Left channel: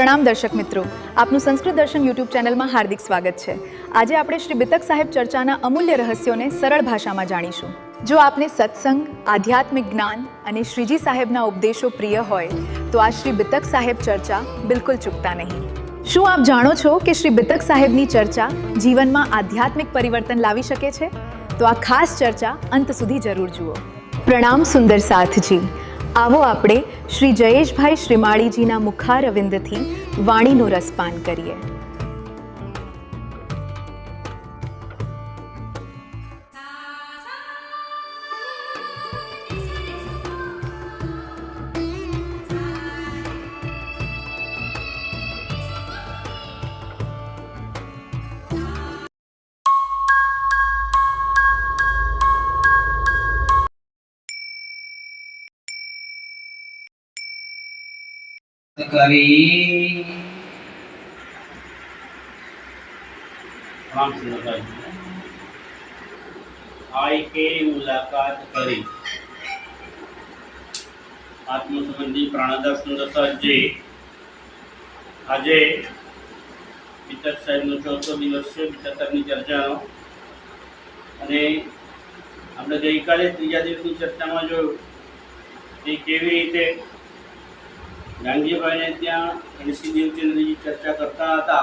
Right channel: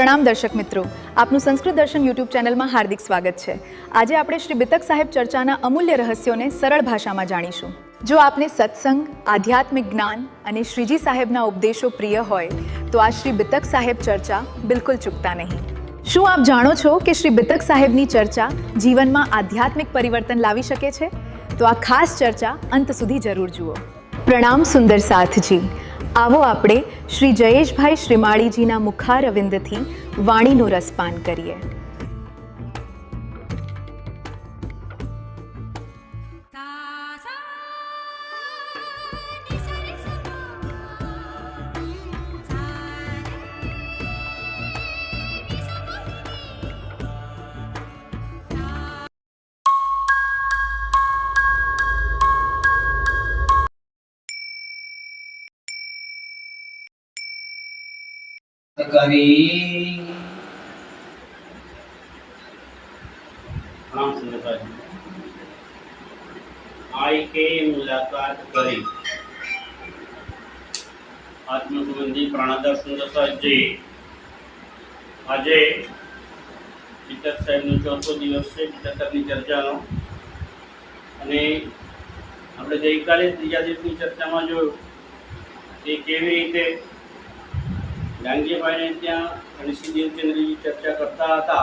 પ્રણામ દર્શક મિત્રો, આપનું સંસ્કૃત દર્શન યુટ્યુબ ચેનલમાં હાર્દિક સ્વાગત છે। આજે આપણે શ્રી બિતક સાહેબ ચર્ચાના અમૂલ્ય રહસ્યોને સરળ ભાષામાં જાણીશું। જો આપને સત્સંગ, આધ્યાત્મિક જ્ઞાન અને શ્રીજી સાહેબના ઉપદેશો પ્રિય હોય તો આ શ્રી બિતક સાહેબ ચર્ચા બિલકુલ ચૂકતા નહીં। શું આપ જાણો છો કે શ્રી બિતક સાહેબની ચર્ચા જીવનમાં આધ્યાત્મિક પરિવર્તન લાવી શકે છે? તો આ ખાસ ચર્ચા અંત સુધી જરૂર જુઓ। પ્રણામ સુંદર સાથજી, आवो आपणे श्री जयेशभाई श्रीमाळीजीना मुखारविंदथी वाणीनो रसपान करीए। करी आई के मुलाकात करी आत्म संबंधी प्राणोदर सुंदर जी आज बितक साहेब नो चौथो दिवस है बितकनी चर्चा अपने गई काले तीजा दिवसनी चर्चा में जो केवी रीते डांगीभाई ने त्या गणेशी देवचंद्रजी चर्चा करता था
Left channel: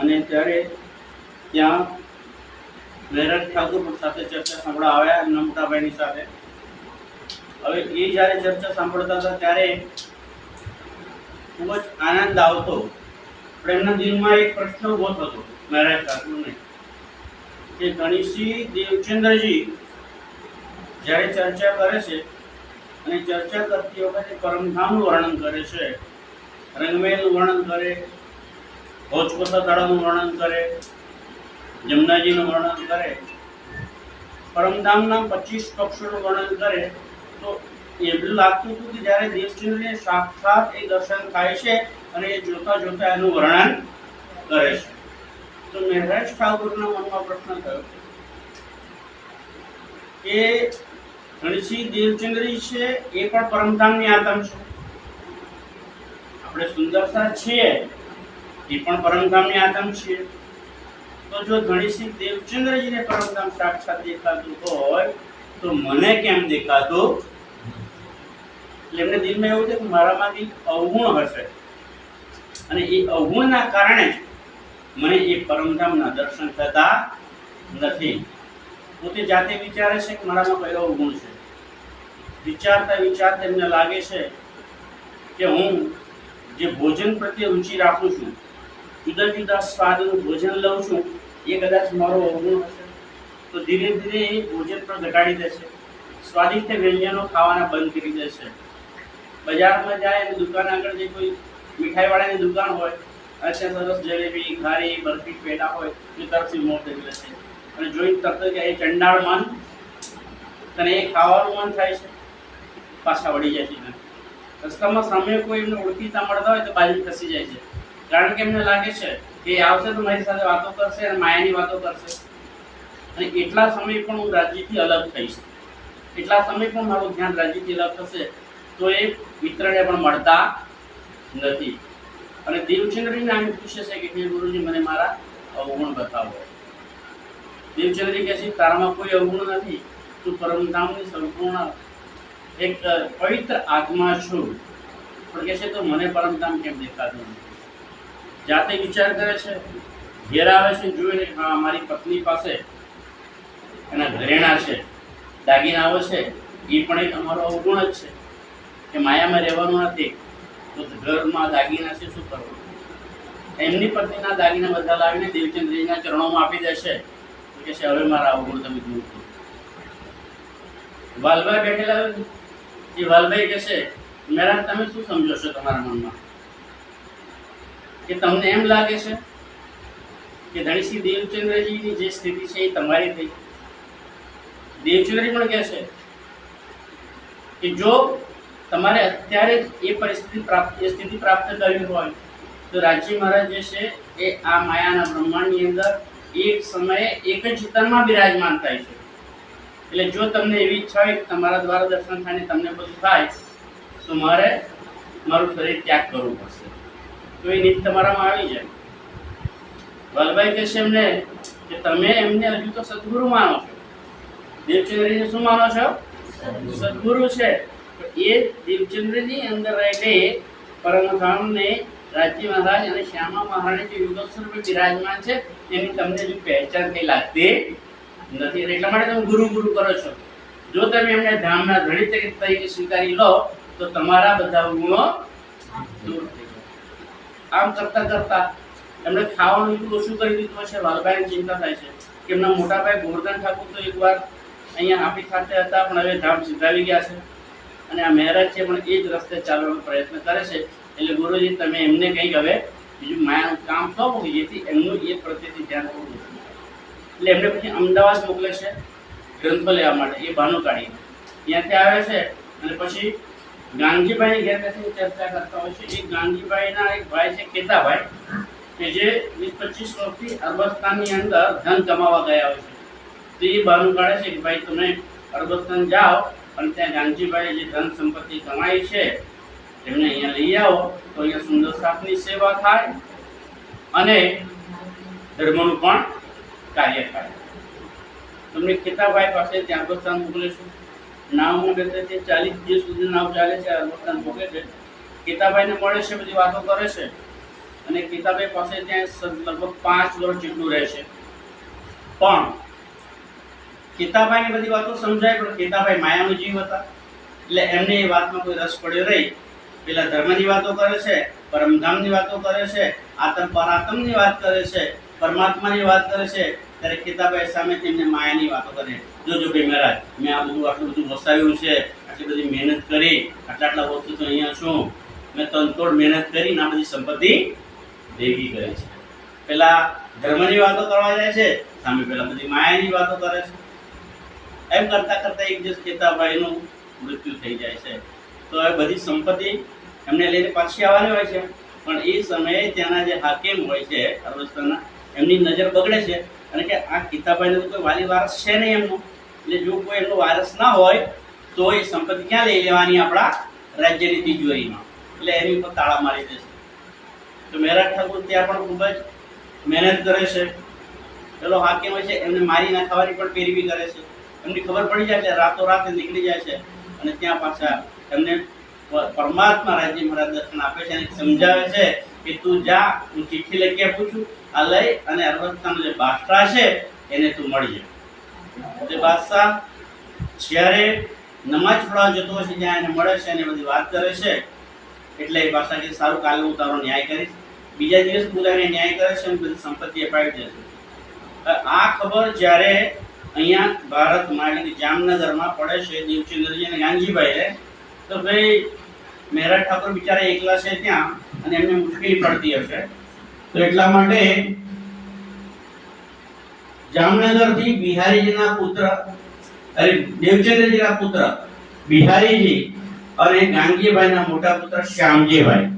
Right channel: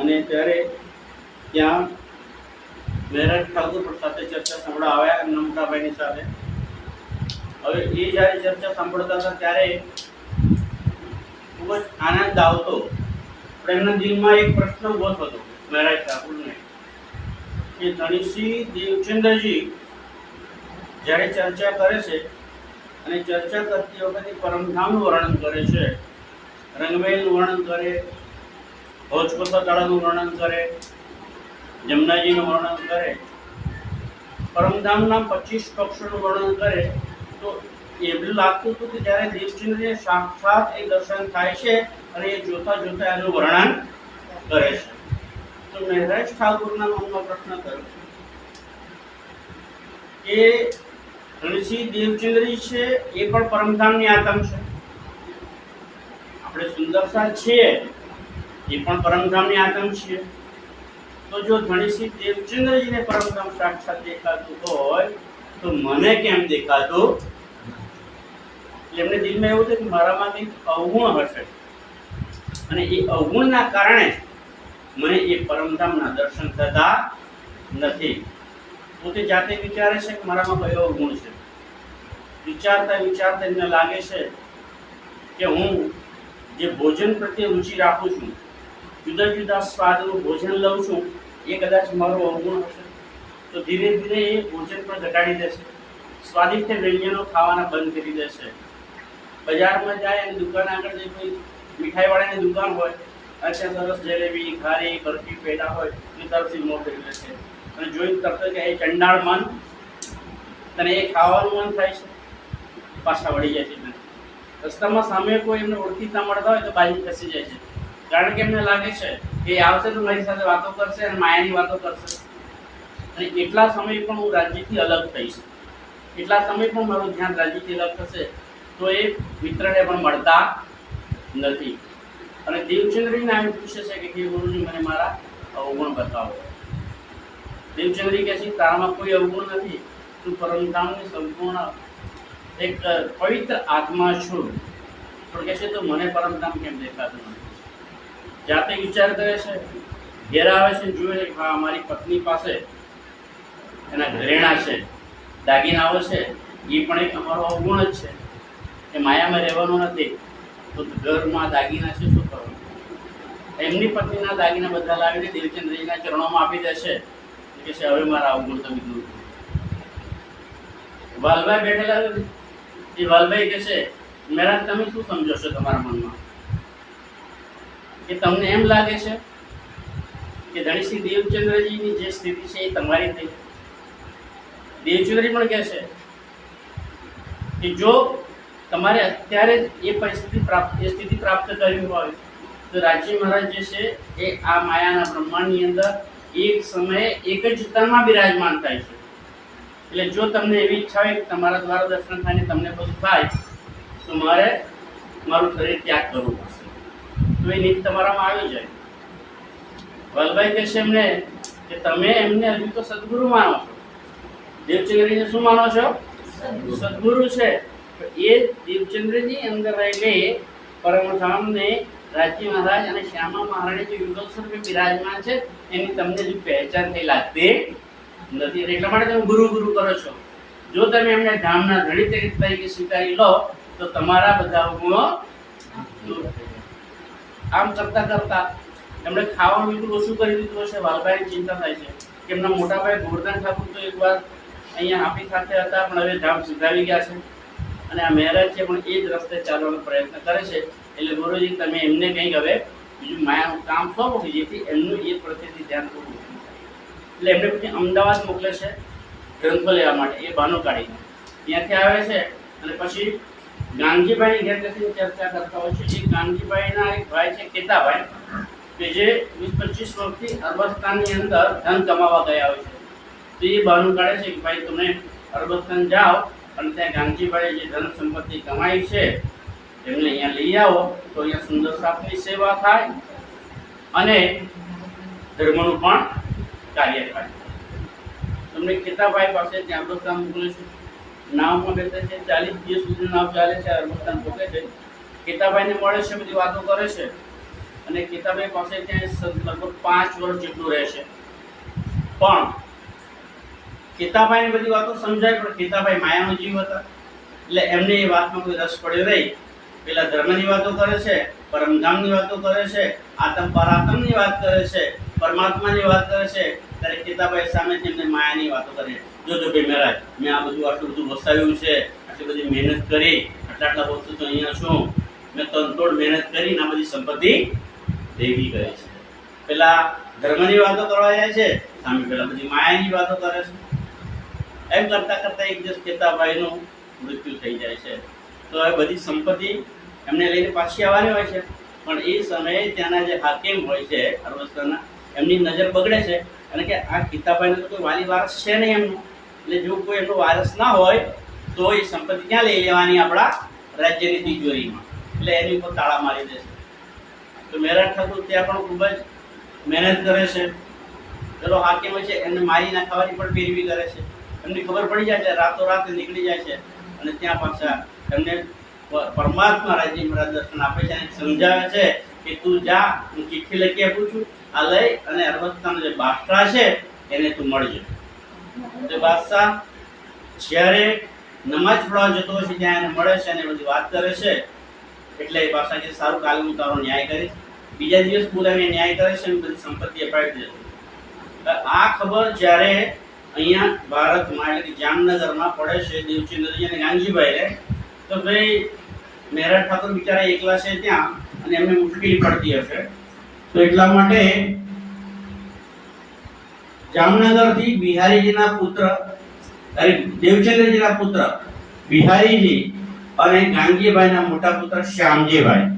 अने त्यारे त्या मेहराज ठाकुर पण साथे चर्चा सांभळवा आव्या नमताभाईनी साथे। हवे ए ज्यारे चर्चा सांभळता था त्यारे खूब ज आनंद आवतो, पण एमना दिलमां एक प्रश्न उभो थतो मेहराज ठाकुरने के गणेशी देवचंद्रजी ज्यारे चर्चा करे छे અને ચર્ચા કરતી વખતે પરમધામનું વર્ણન કરે છે, રંગમેલનું વર્ણન કરે, ભોજકોસા તળાવનું વર્ણન કરે, જમનાજીનું વર્ણન કરે, પરમધામના 25 કક્ષોનું વર્ણન કરે, તો એવું લાગતું હતું કે જ્યારે દેવચંદ્રને સાક્ષાત એ દર્શન થાય છે અને એ જોતા જોતા એનું વર્ણન કરે છે। તો મહેરાજ ઠાકુરના મનમાં પ્રશ્ન થયો કે गणेशी देवचंद्री छे ए पण परमधामनी आत्म छे, आपणे सुंदरसा छीए ए पण परमधामनी आत्म छीए। तो जो गणेशी देवचंद्रजी ने परमधाम साक्षात देखातुं होय तो मने केम देखातुं? એટલે એમને દિલમાં એવું છે કે મારામાં કંઈક અવગુણ હશે અને એ અવગુણના કારણે મને એ પરમધામના દર્શન થતા નથી। પોતે જાતે વિચારે છે કે મારામાં કયો ગુણ છે। વિચારતા વિચારતા એમને લાગે છે કે હું જે ભોજન પ્રત્યે રુચિ રાખું છું, જુદા જુદા સ્વાદનું ભોજન લઉં છું, એ કદાચ મારો અવગુણ હશે। તો ધીરે ધીરે એ ભોજન પણ ઘટાડી દેશે, સ્વાદિષ્ટ વ્યંજનો ખાવાના બંધ કરી દેશે। બજારમાં જાય અને દુકાન આગળ જે કોઈ મીઠાઈવાળાની દુકાન હોય અને ત્યાં સરસ જલેબી, ઘારી, બરફી, પેડા હોય એ તરફથી મોં કરી લે છે અને જોઈને તરત જ એ ચંડાળ મન તને એ ખાવાનું મન થાય છે, પાછા વળી જાય છે। રસ્તામાં સામે કોઈ એમને ઓળખીતા મળતા હોય તો બાજુ ખસી જાય છે, કારણ કે એમને લાગે છે કે એ આવશે તો મારી સાથે વાતો કરશે અને માયાની વાતો કરશે અને એટલા સમય પણ હું રાજ્યથી અલગ થઈશ, એટલા સમય પણ મારું ધ્યાન રાજ્યથી અલગ થશે તો એ મિત્રને પણ મળતા નથી। અને દેવચંદ્રજીને આમ પૂછે છે કે હે ગુરુજી મને મારા અવગુણ બતાવો। देवचंद्री कहती तारामां कोई अवगुण नहीं, तू परमधामनी संपूर्ण एक पवित्र आत्मा छू, पण कहे तो मने परमधाम केम देखातुं नथी। जाते विचार करे छे, घेर आवे छे, जोए हाँ मारी पत्नी पासे एना घरेणा छे, दागीनाओ छे, ए पण एक अमारो अवगुण ज छे के मायामां रहेवानुं नथी, तो घरमां दागीना छे शुं करवानुं? एमनी पत्नीना दागीना बधा लावीने देवचंद्रजीना चरणोमां आपी देशे કે છે હવે મારા અવગુણ તમે દૂર કરો। વાલભાઈ બેઠેલા જે વાલભાઈ કહે છે મેરા તમે શું સમજો છો તમારા મનમાં કે તમને એમ લાગે છે કે ગણેશી દેવચંદ્રજીની જે સ્થિતિ છે એ તમારી થઈ? દેવચંદ્રજી પણ કહે છે કે જો તમારે અત્યારે એ સ્થિતિ પ્રાપ્ત કરવી હોય તો રાજી મહારાજ જે છે એ આ માયાના બ્રહ્માંડની અંદર एक समय एक ज तનમાં બિરાજમાન થાય છે। એટલે જો તમને એવી ઈચ્છા હોય કે તમારા દ્વારા દર્શન થાય ને તમને બધું થાય તો મારે મારું શરીર ત્યાગ કરવું પડશે। તો એ નીત તમારામાં આવી જાય. વાલભાઈ કહેશે એમને કે તમે એમને હજુ તો સદગુરુ માનો છો. દેવચંદ્રજીને શું માનો છો? સદગુરુ છે. એ દેવચંદ્રજી અંદર રહેલી પરમધામને રાજ્ય મહારાજ અને શ્યામા મહારાણી જે યુગલ સ્વરૂપે બિરાજમાન છે એની તમને હજુ પહેચાન થઈ લાગતી નથી. એટલા માટે તમે ગુરુ ગુરુ કરો છો. જો તમે એમને ધામના ધણી તરીકે સ્વીકારી લો તો તમારા બધા ગુણો દૂર થઈ જાય. આમ કરતા કરતા એમણે ખાવાનું બિલકુલ ઓછું કરી દીધું હશે. વાલભાઈની ચિંતા થાય છે કે એમના મોટા ભાઈ ગોવર્ધન ઠાકુર તો એકવાર અહીંયા આપણી સાથે હતા પણ હવે ધામ સિધાવી ગયા છે અને આ મહારાજ છે પણ એ જ રસ્તે ચાલવાનો પ્રયત્ન કરે છે. એટલે ગુરુજી તમે એમને કંઈક હવે બીજું માયાનું કામ સોંપો કે જેથી એમનું એ પ્રત્યેથી ધ્યાન થોડું ઓછું થાય. એટલે એમને પછી અમદાવાદ મોકલે છે ગ્રંથો લેવા માટે. એ બહાનું કાઢીને ત્યાંથી આવે છે અને પછી ગાંધીભાઈની ઘેર બેસીને ચર્ચા કરતા હોય છે. એ ગાંધીભાઈના એક ભાઈ છે કેતાભાઈ કે જે 20-25 વર્ષથી અરબસ્તાનની અંદર ધન કમાવા ગયા હોય છે. તો એ બહાનું કાઢે છે કે ભાઈ તમે અરબસ્તાન જાઓ અને ત્યાં ગાંધીભાઈએ જે ધન સંપત્તિ કમાઈ છે એમને અહીંયા લઈ આવો તો અહીંયા સુંદર સાપની સેવા થાય અને ધર્મનું પણ કાર્ય થાય. તમને કેતાભાઈ પાસે ત્યાં અરબસ્તાન મોકલે છે. નાવમાં બેસે છે. 40 દિવસ સુધી નાવ ચાલે છે. અરબસ્તાન પહોંચે છે. કેતાભાઈને મળે છે, બધી વાતો કરે છે અને કેતાભાઈ પાસે ત્યાં લગભગ 5 વર્ષ જેટલું રહે છે. પણ કેતાભાઈને બધી વાતો સમજાય પણ કેતાભાઈ માયાનો જીવ હતા એટલે એમને એ વાતમાં કોઈ રસ પડ્યો નહીં. પેલા ધર્મની વાતો કરે છે, પરમધામની વાતો કરે છે, આત્મ પરાત્મની વાત કરે છે, પરમાત્માની વાત કરે છે. ત્યારે કેતાભાઈ સામે તેમને માયાની વાતો કરે. જોજો ભાઈ મહારાજ મેં આ બધું આટલું બધું વસાવ્યું છે, આટલી બધી મહેનત કરી, આટલા વર્ષો તો અહીંયા છું, મેં તનતોડ મહેનત કરીને આ બધી સંપત્તિ ભેગી કરી છે. પેલા ધર્મની વાતો કરવા જાય છે, સામે પેલા બધી માયાની વાતો કરે છે. એમ કરતા કરતા એક દિવસ કેતાભાઈનું મૃત્યુ થઈ જાય છે. તો હવે બધી સંપત્તિ એમને લઈને પાછી આવવાની હોય છે પણ એ સમયે ત્યાંના જે હાકીમ હોય છે અરબસ્તાનના એમની નજર બગડે છે અને કે આ કેતાભાઈને તો કોઈ વાલી વારસ છે નહીં એમનો. એટલે જો કોઈ એમનો વારસ ના હોય તો એ સંપત્તિ ક્યાં લઈ લેવાની? આપણા રાજ્યની તિજોરીમાં. એટલે એની ઉપર તાળા મારી દેશે. તો મહેરાજ ઠાકુર ત્યાં પણ ખૂબ જ મહેનત કરે છે. પેલો હાકીમ હોય છે એમને મારી નાખવાની પણ પેરવી કરે છે. એમની ખબર પડી જાય એટલે રાતોરાત નીકળી જાય છે અને ત્યાં પાછા એમને પરમાત્મા રાજ્ય મહારાજ દર્શન આપે છે અને સમજાવે છે કે તું જા, હું ચિઠ્ઠી લખી આપું છું, આ લઈ અને અરબસ્તાનનો જે બાદશાહ છે એને તું મળજે. તે બાદશાહ જ્યારે નમાજ પઢવા જતો હોય છે ત્યાં એને મળે છે અને બધી વાત કરે છે. એટલે એ બાદશાહ કે સારું, કાલે હું તારો ન્યાય કરીશ. બીજા દિવસ બોલાવીને ન્યાય કરે છે અને બધી સંપત્તિ અપાવી દે છે. આ ખબર જ્યારે અહીંયા ભારતમાં એટલે કે જામનગરમાં પડે છે દેવચંદ્રજી અને ગાંધીભાઈને તો ભાઈ મહેરાજ ઠાકોર બિચારા એકલા છે ત્યાં અને એમને મુશ્કેલી પડતી હશે. તો એટલા માટે જામનગરથી બિહારીજીના પુત્ર દેવચંદ્રજીના પુત્ર બિહારીજી અને ગાંગીભાઈના મોટા પુત્ર શ્યામજીભાઈ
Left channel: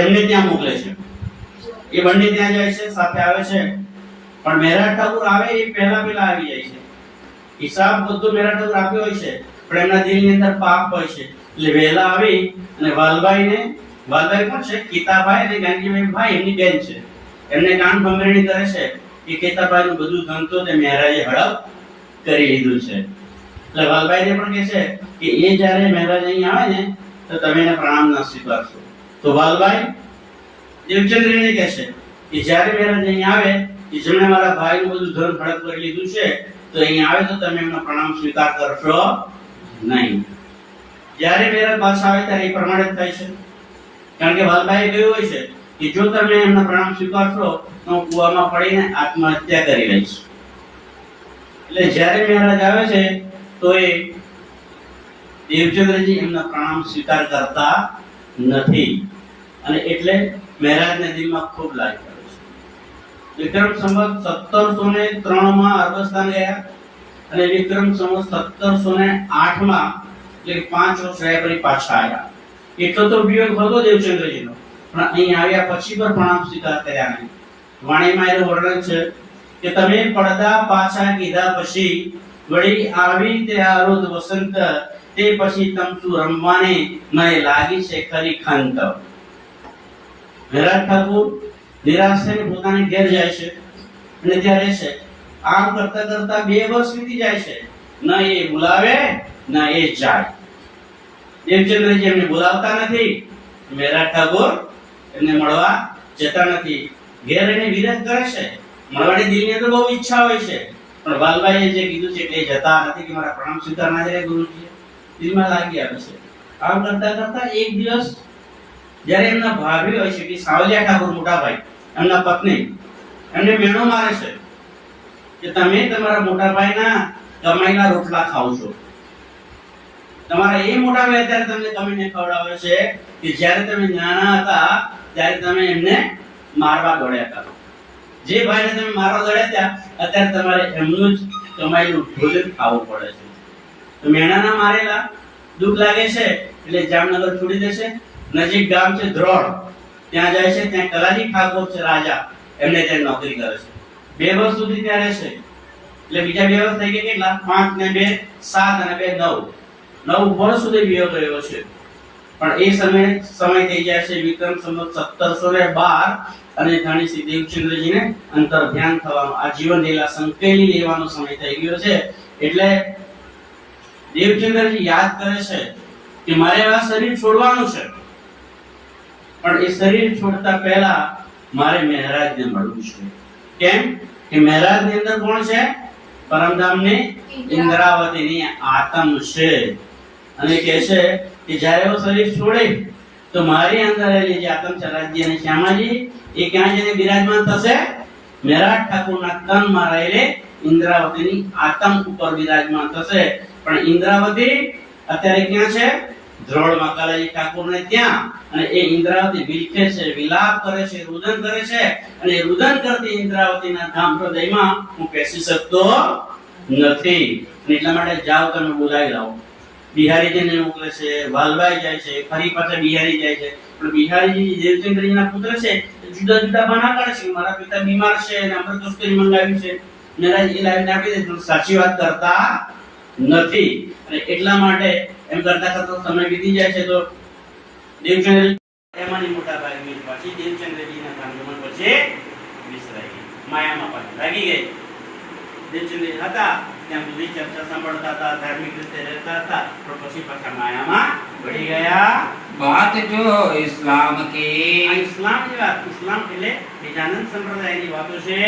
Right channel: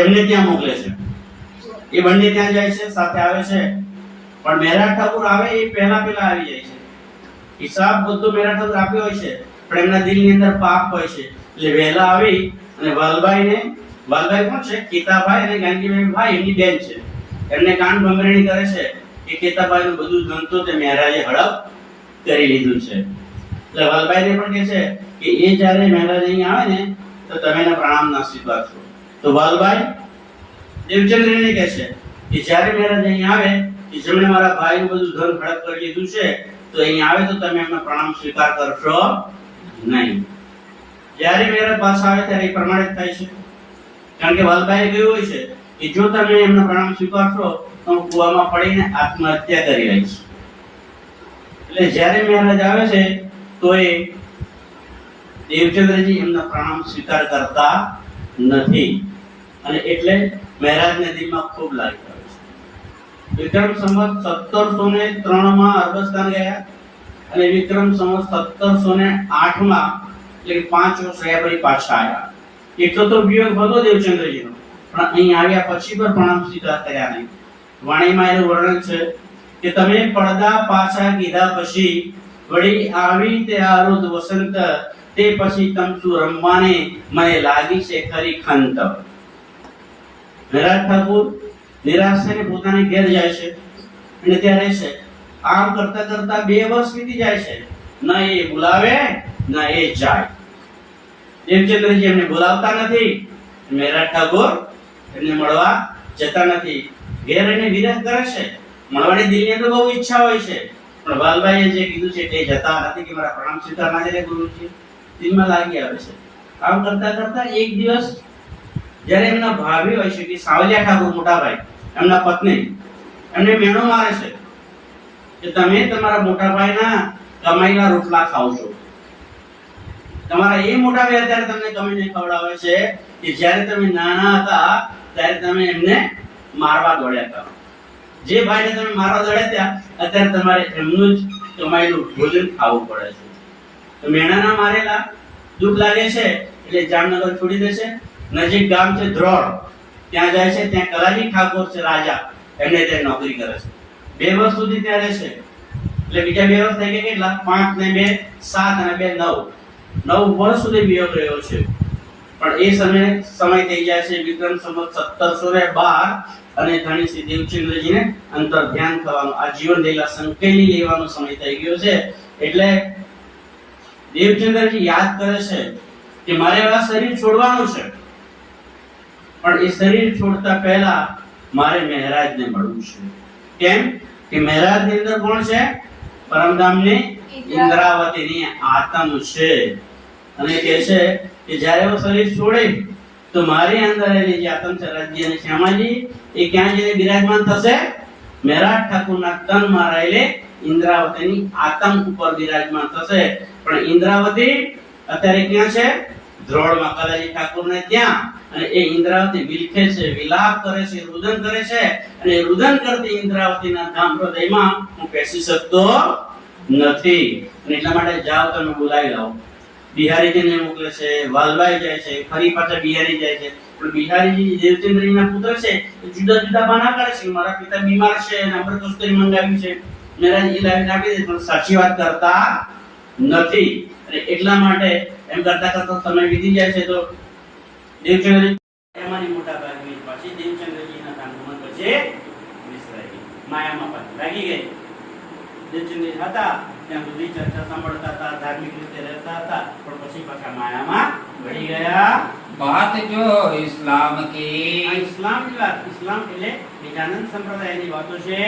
એમને ત્યાં મોકલે છે. એ બંને ત્યાં જાય છે, સાથે આવે છે. પણ મહેરાજ ઠાકુર આવે એ પહેલા આવી જાય છે. હિસાબ બધો મહેરાજ ઠાકુર આપ્યો હોય છે પણ એમના દિલની અંદર પાપ હોય છે એટલે વહેલા આવી અને વાલભાઈ કોણ છે? કેતાભાઈ અને ગાંધીભાઈ ભાઈ એમની બેન છે. એમને કાન ભંગરણી કરે છે કે કેતાભાઈનું બધું ધન તો તે મહારાજે હડપ કરી લીધું છે. એટલે વાલભાઈને પણ કહે છે કે એ જ્યારે મહારાજ અહીં આવે ને તો તમે એના પ્રણામ ના સ્વીકારશો. તો વાલભાઈ દેવચંદ્રને કહે છે કે જ્યારે મહારાજ અહીં આવે જેમણે મારા ભાઈનું બધું ધન હડપ કરી લીધું છે તો અહીં આવે તો તમે એમનો પ્રણામ સ્વીકાર કરશો નહીં. જ્યારે મહેરાજ પાછા આવે ત્યારે એ પ્રમાણે જ થાય છે. કારણ કે વાલભાઈએ કહ્યું હોય છે કે જો તમે એમનો પ્રણામ સ્વીકારશો તો હું કૂવામાં પડીને આત્મહત્યા કરી લઈશ. એટલે જ્યારે મહેરાજ આવે છે તો એ દેવચંદ્રજી એમનો પ્રણામ સ્વીકાર કરતા નથી અને એટલે મહેરાજને દિલમાં ખૂબ લાગ્યું. વિક્રમ સંવત 1703 માં અરબસ્તાન ગયા અને વિક્રમ સંવત 1708 માં એટલે 5 વર્ષ રહ્યા પછી પાછા આવ્યા. એટલો તો વિયોગ હતો દેવચંદ્રજીનો પણ અહીં આવ્યા પછી પણ પ્રણામ સ્વીકાર કર્યા નહીં. વાણીમાં એનું વર્ણન છે કે તમે પડદા પાછા કીધા પછી વળી આવી તે આરોદ વસંત તે પછી તમતું રમવાને મને લાગી છે ખરી ખંત. મહેરાજ ઠાકુર નિરાશ થઈને પોતાને ઘેર જાય છે અને ત્યાં રહે છે. આમ કરતા કરતા 2 વર્ષ વીતી જાય છે. ન એ બોલાવે ન એ જાય. દેવચંદ્રજી એમને બોલાવતા નથી. મહેરાજ ઠાકુર એમને મળવા જતા નથી. ઘેર એને વિરોધ કરે છે. મળવાની દિલની તો બહુ ઈચ્છા હોય છે, પણ વાલભાઈએ જે કીધું છે તે જતા નથી કે મારા પ્રણામ સ્વીકારના છે ગુરુજી. દિલમાં લાગી આવે છે. આમ કરતા કરતા એક દિવસ જ્યારે એમના ભાભી હોય છે કે સાવલિયા ઠાકુર મોટા ભાઈ, એમના પત્ની એમને મેણો મારે છે કે તમે તમારા મોટા ભાઈના કમાઈના રોટલા ખાવ છો. તમારા એ મોટા ભાઈ અત્યારે તમને કમાઈને ખવડાવે છે કે જ્યારે તમે નાના હતા ત્યારે તમે એમને મારવા દોડ્યા હતા. જે ભાઈને તમે મારવા દોડ્યા ત્યાં અત્યારે તમારે એમનું જ કમાયેલું ભોજન ખાવું પડે છે. તો મેણાના મારેલા દુઃખ લાગે છે એટલે જામનગર છોડી દેશે. નજીક ગામ છે ધ્રોળ, ત્યાં જાય છે. ત્યાં કલાજી ઠાકોર છે રાજા, એમને ત્યાં નોકરી કરે છે. 2 વર્ષ સુધી ત્યાં રહેશે. એટલે બીજા 2 વર્ષ થઈ ગયા કેટલા? 5 ને 2 7 અને 2 9 વર્ષ સુધી વિયોગ રહ્યો છે. પણ એ સમય થઈ જાય છે વિક્રમ સંવત 1712 અને ધણીસિંહ દેવચંદ્રજીને અંતર ધ્યાન થવાનો, આ જીવન લીલા સંકેલી લેવાનો સમય થઈ ગયો છે. એટલે દેવચંદ્રજી યાદ કરે છે કે મારે આ શરીર છોડવાનું છે, પણ એ શરીર છોડતા પહેલા મારે મહેરાજને મળવું છે. કેમ કે મહેરાજની અંદર કોણ છે? પરમધામની ઇન્દ્રાવતીની આત્મ છે. અને કહે છે કે જ્યારે હું શરીર છોડે તો મારી અંદર રહેલી જે આત્મ છે રાજ્ય અને શ્યામાજી, એ ક્યાં જઈને બિરાજમાન થશે? મહેરાજ ઠાકુરના તનમાં રહેલી ઇન્દ્રાવતીની આત્મ ઉપર બિરાજમાન થશે. પણ ઇન્દ્રાવતી અત્યારે ક્યાં છે? ધ્રોળમાં કલાજી ઠાકોરને ત્યાં. અને એ ઇન્દ્રાવતી વિલખે છે, વિલાપ કરે છે, રુદન કરે છે. અને એ રુદન કરતી ઇન્દ્રાવતીના ધામ હૃદયમાં હું બેસી શકતો નથી. અને એટલા માટે જાઓ તમે બોલાવી લાવો. બિહારીજીને મોકલે છે, વાલભાઈ જાય છે, ફરી પાછા બિહારી જાય છે. પણ બિહારીજી દેવચંદ્રજીના પુત્ર છે, જુદા જુદા બહાના કાઢે છે. મારા પિતા બીમાર છે અને અમૃતોસ્તરી મંગાવ્યું છે. મહારાજ એ લાવીને આપી દે, પણ સાચી વાત કરતા નથી. અને એટલા માટે એમ કરતા કરતા સમય વીતી જાય છે. તો દેવચંદ્રજી એમાંની મોટા ભાગની પછી દેવચંદ્રજીના કાંડોમાં પછી વિસરાઈ ગઈ, માયામાં પાછી લાગી ગઈ. દેવચંદ્રજી હતા ત્યાં સુધી ચર્ચા સાંભળતા હતા, ધાર્મિક રીતે રહેતા હતા, પણ પછી પાછા માયામાં ભળી ગયા. बात जो इस्लाम की આ ઇસ્લામની વાત, ઇસ્લામ એટલે બીજાનંદ સંપ્રદાયની વાતો છે.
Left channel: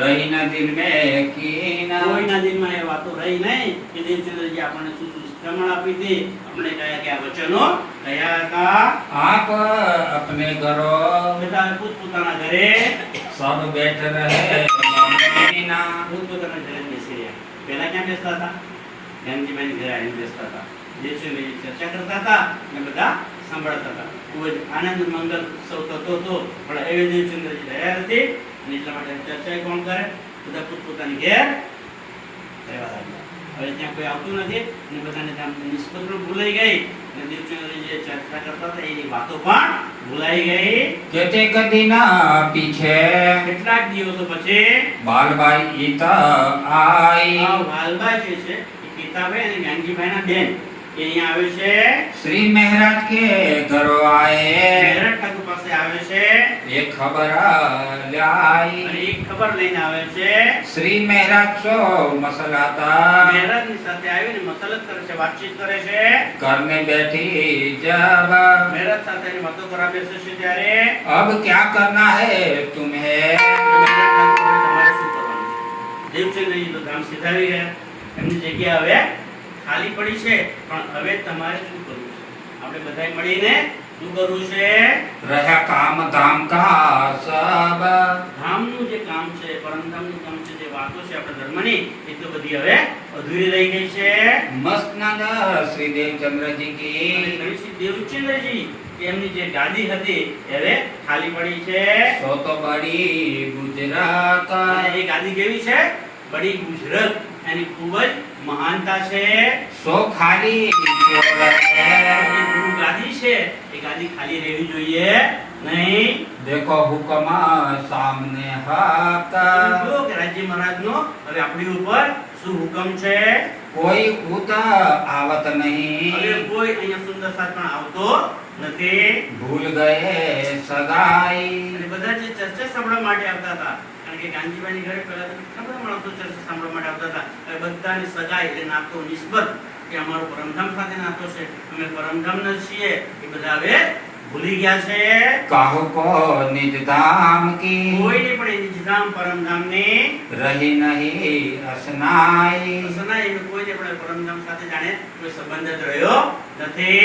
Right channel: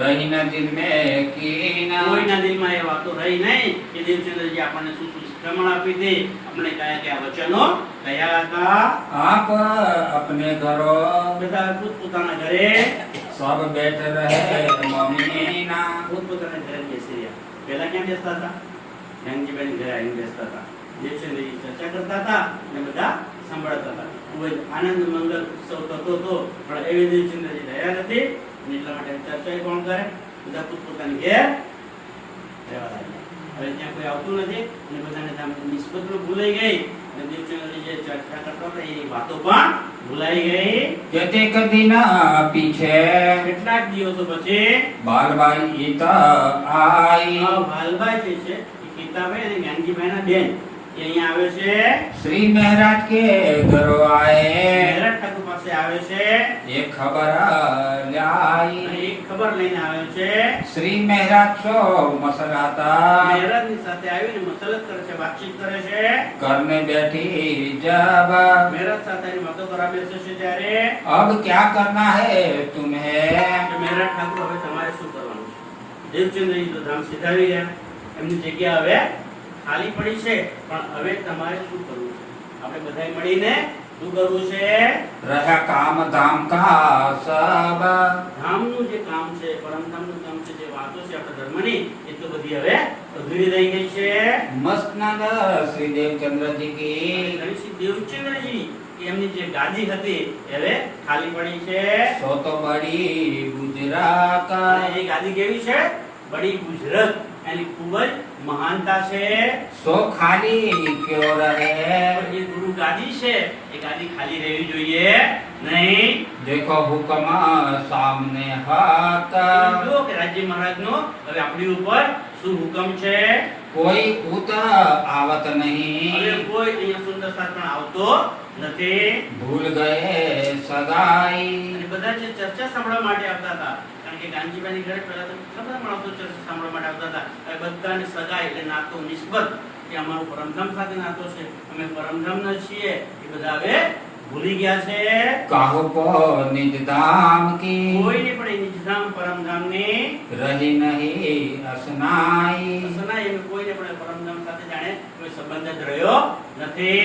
रही न दिल में यकीन કોઈના દિલમાં એ વાતો રહી નહીં કે દેવચંદ્રજી આપણને શું શું શિખામણ આપી હતી, આપણે કયા કયા વચનો કયા હતા. आप अपने घरों બેટા પોતપોતાના ઘરે सब बैठ रहे मोमिनीना પોતપોતાના ઘરે બેસી રહ્યા. પહેલા ક્યાં બેસતા હતા? જ્ઞાનજીભાઈ ઘરે આવીને બેસતા હતા. દેવચંદ્રજી ચર્ચા કરતા હતા અને બધા સાંભળતા હતા. ખૂબ જ આનંદ મંગલ ઉત્સવ થતો હતો. પણ એ દેવચંદ્રજી રહ્યા નથી અને એટલા માટે ચર્ચા કોણ કરે? બધા પોતપોતાની ઘેર રહેવા લાગ્યા. હવે ત્યાં કોઈ આવતું નથી અને બધાને ત્યાં નિસ્બત પણ ભૂલાઈ ગઈ અને દેવચંદ્રજી જે ચર્ચા કરતા હતા એની વાતો પણ ભૂલાઈ ગઈ. केतेक दिन पीछे કેટલાક દિવસો પછી बालबाई ईता आई આ વાલભાઈ જે છે એ પિતાભાઈ અને જ્ઞાનજીભાઈના બેન એ અહીંયા આવે છે. श्री महाराज के घरों आए મહેરાજ ઠાકોર પાસે આવે છે एक खबर लाई અને એક ખબર લઈને આવે છે. श्री महाराज सो मसला था મહેરાજની સાથે આવીને મસલત કરે છે, વાતચીત કરે છે. करने बैठी जब મહેરાજ સાથે વાતો કરવા બેસે છે ત્યારે अब क्या करना है तुम्हें મહેરાજ ઠાકોર હવે તમારે શું કરવાનું? દેવચંદ્રજી તો ધામ સિધાવી ગયા. એમની જગ્યા હવે ખાલી પડી છે, પણ હવે તમારે શું કરવું છે? આપણે બધાય મળીને શું કરવું છે? रहा काम धाम का सब ધામનું જે કામ છે, પરમધામનું કામ છે, જે વાતો છે આપણા ધર્મની, એ તો બધી હવે અધૂરી રહી ગઈ છે. मस्तनंद श्री देवचंद्र जी की અને ગણેશજી દેવચંદ્રજી એમની જે ગાદી હતી એ હવે ખાલી પડી છે. सो तो बड़ी गुजरात અને એ ગાદી કેવી છે? બડી ગુજરાત, એની ખૂબ જ મહાનતા છે. सो खाली क्यों रहे એ ગુરુ ગાદી છે, એ ગાદી ખાલી રહેવી જોઈએ નહીં. देखो हुक्म सामने हाथ જો કે રાજ્ય મહારાજનો હવે આપણી ઉપર શું હુકમ છે? कोई उत आवत હવે नहीं કોઈ અહીંયા સુંદર સાથ પણ આવતો નથી. भूल गए सदाई અને બધા જે ચર્ચા સાંભળવા માટે આવતા હતા, કારણ કે ગાંધીબાઈની ઘરે પહેલા તો ઘણા બધા માણસો ચર્ચા સાંભળવા માટે આવતા હતા. હવે બધાને સગાઈ એટલે નાતો નિસ્બત કે અમારો પરમધામ સાથે નાતો છે, અમે પરમધામના છીએ, એ બધા હવે ભૂલી ગયા છે. काहू को निज धाम की કોઈને પણ એ નિજધામ પરમધામની रही नहीं असनाई સનાઈ એમ કોઈને પણ પરમધામ સાથે જાણે કોઈ સંબંધ જ રહ્યો નથી.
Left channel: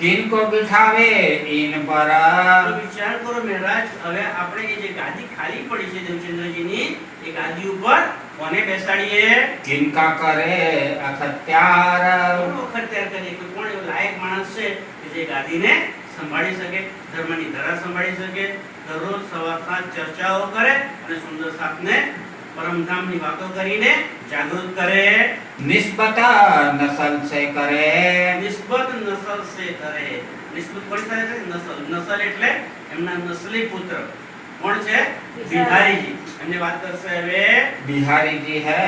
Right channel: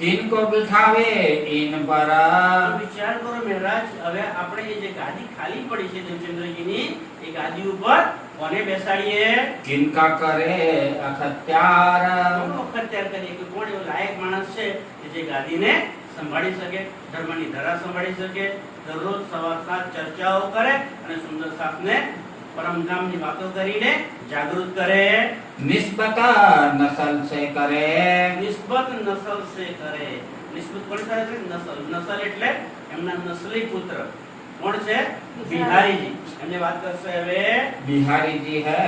किनको बिठावे इन पर તો વિચાર કરો મહારાજ, હવે આપણે એ જે ગાદી ખાલી પડી છે દેવચંદ્રજીની, એ ગાદી ઉપર કોને બેસાડીએ? किनका करे अखत्यार કોનો ખર્ચાર કરીએ? કોઈ કોણ એવો લાયક માણસ છે કે જે ગાદીને સંભાળી શકે, ધર્મની ધરા સંભાળી શકે, દરરોજ સવાર સાંજ ચર્ચાઓ કરે અને સુંદર સાથને પરમધામની વાતો કરીને જાગૃત કરે. निस्बत नस्ल से करे નિસ્બત નસલ સે કરે. નિસ્બત કોણ થાય છે? નસલ. નસલ એટલે એમના નસલી પુત્ર કોણ છે? બિહારીજી. એમને વાત કરશે હવે बिहारी जी है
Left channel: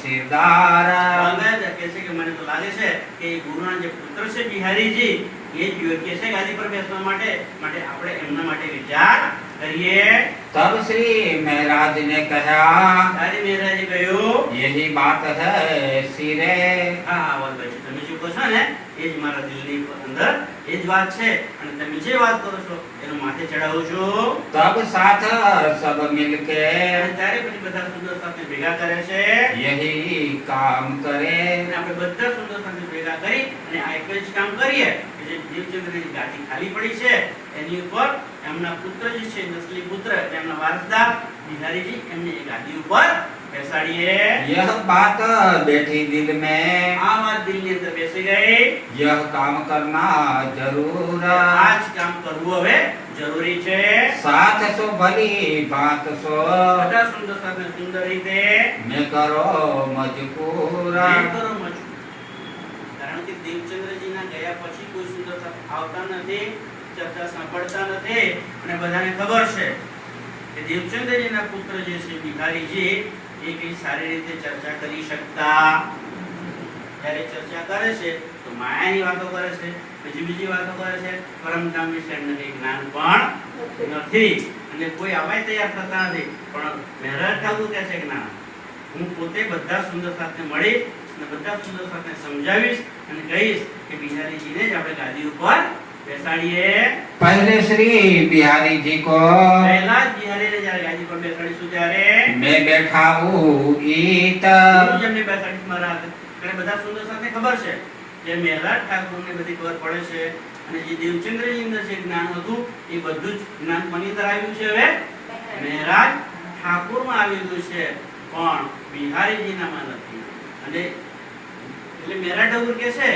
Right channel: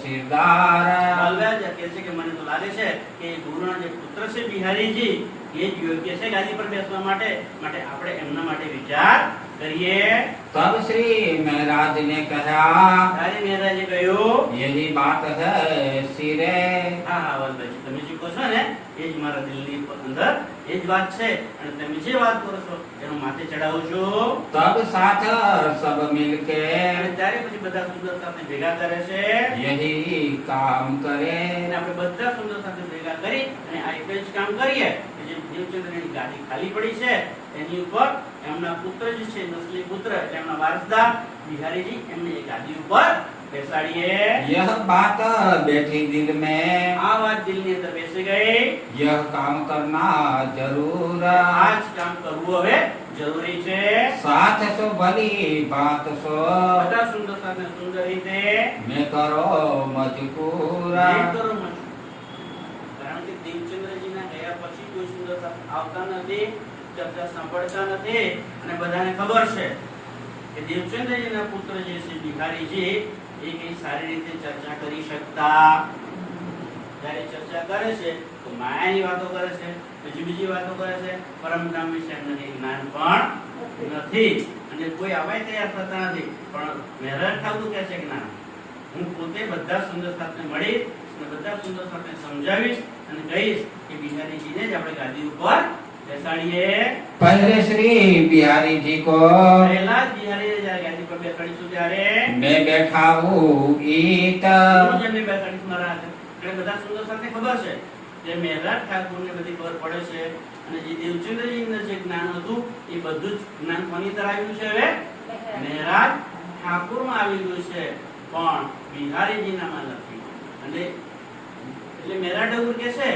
सिरदार બાલરાજ કહે છે કે મને તો લાગે છે કે એ ગુરુના જે પુત્ર છે બિહારીજી, એ જ યોગ્ય છે ગાદી પર બેસવા માટે. માટે આપણે એમના માટે વિચાર કરીએ. तब श्री महाराज ने कहा ત્યારે મહારાજે કહ્યું, यही बात है सिरे હા હા વલ્લભજી, તમે જે કહો છો ને એ જ મારા દિલની અંદર એ જ વાત છે, અને તમે જે વાત કરો છો એનું માથે ચડાવું છું. तब साथ सब मिलके અને ત્યારે પછી બધા સુંદર સાથે ભેગા કરે છે, यही काम करे અને આપણે બધા સુંદર સાથે ભેગા કરી અને આ એક જ કામ કરીએ કે જે દેવચંદ્રની ગાદી ખાલી પડી છે એની ઉપર એમના પુત્ર જે છે, નસલી પુત્ર એટલે એમના વારસદાર બિહારીજી, એમને એ ગાદી ઉપર બેસાડીએ. यह बात बैठी दिल में આ વાત દિલની અંદર બેસી ગઈ. यह काम करना जरूर આ જ કામ કરવું હવે જરૂરી છે. साथ सो भली बात सो બધા સુંદર સાથે સુંદર રીતે मैं करो मजबूर પ્રેમ કરો મજો. કારણ કે દેવચંદ્રજીના ગયા પછી કોઈ સુંદર સાથે આવતા નથી, ચર્ચા સાંભળતા નથી, અને બધાને ખબર છે કે દેવચંદ્રજીના પુત્ર જે છે બિહારીજી, એ કઈ સારી રીતે ચર્ચા કરી શકતા. જ્યારે ચર્ચા કરે છે તો માયાની વાતો કરે છે, બીજી વાતો કરે છે, પરમધામ વિશે એમને કઈ જ્ઞાન પણ નથી, અને કોઈ આવાય તૈયાર થતા નથી. પણ મહેરાજ ઠાકુર કહે છે કે ના, હું પોતે બધા સુંદર સાથે મળીશ અને બધા સુંદર સાથે સમજાવીશ અને કહીશ કે બિહારીજીને જ આપણે ગાદી ઉપર બેસાડીએ. पहले श्री बिहारी जी को પહેલા જ બિહારીને જ્યારે ગાદી પર બેસાડીશું ત્યારે मैं बैठा हूँ ईट હું જ એમને બેસાડીશ મારા હાથે. એટલે બધા સુંદર સાથે ખબર છે જે મહેરાજ ઠાકુરને બધી ખબર પડે છે, અને જે દેવચંદ્રજી અંદર જે જ્ઞાન હતું એ બધું જ જ્ઞાન કોની અંદર આવ્યું છે? હવે મહેરાજ ઠાકુરમાં આવી ગયું છે, પણ બિહારીજીનામાં નથી. અને એટલે મહેરાજ ઠાકુર કહે છે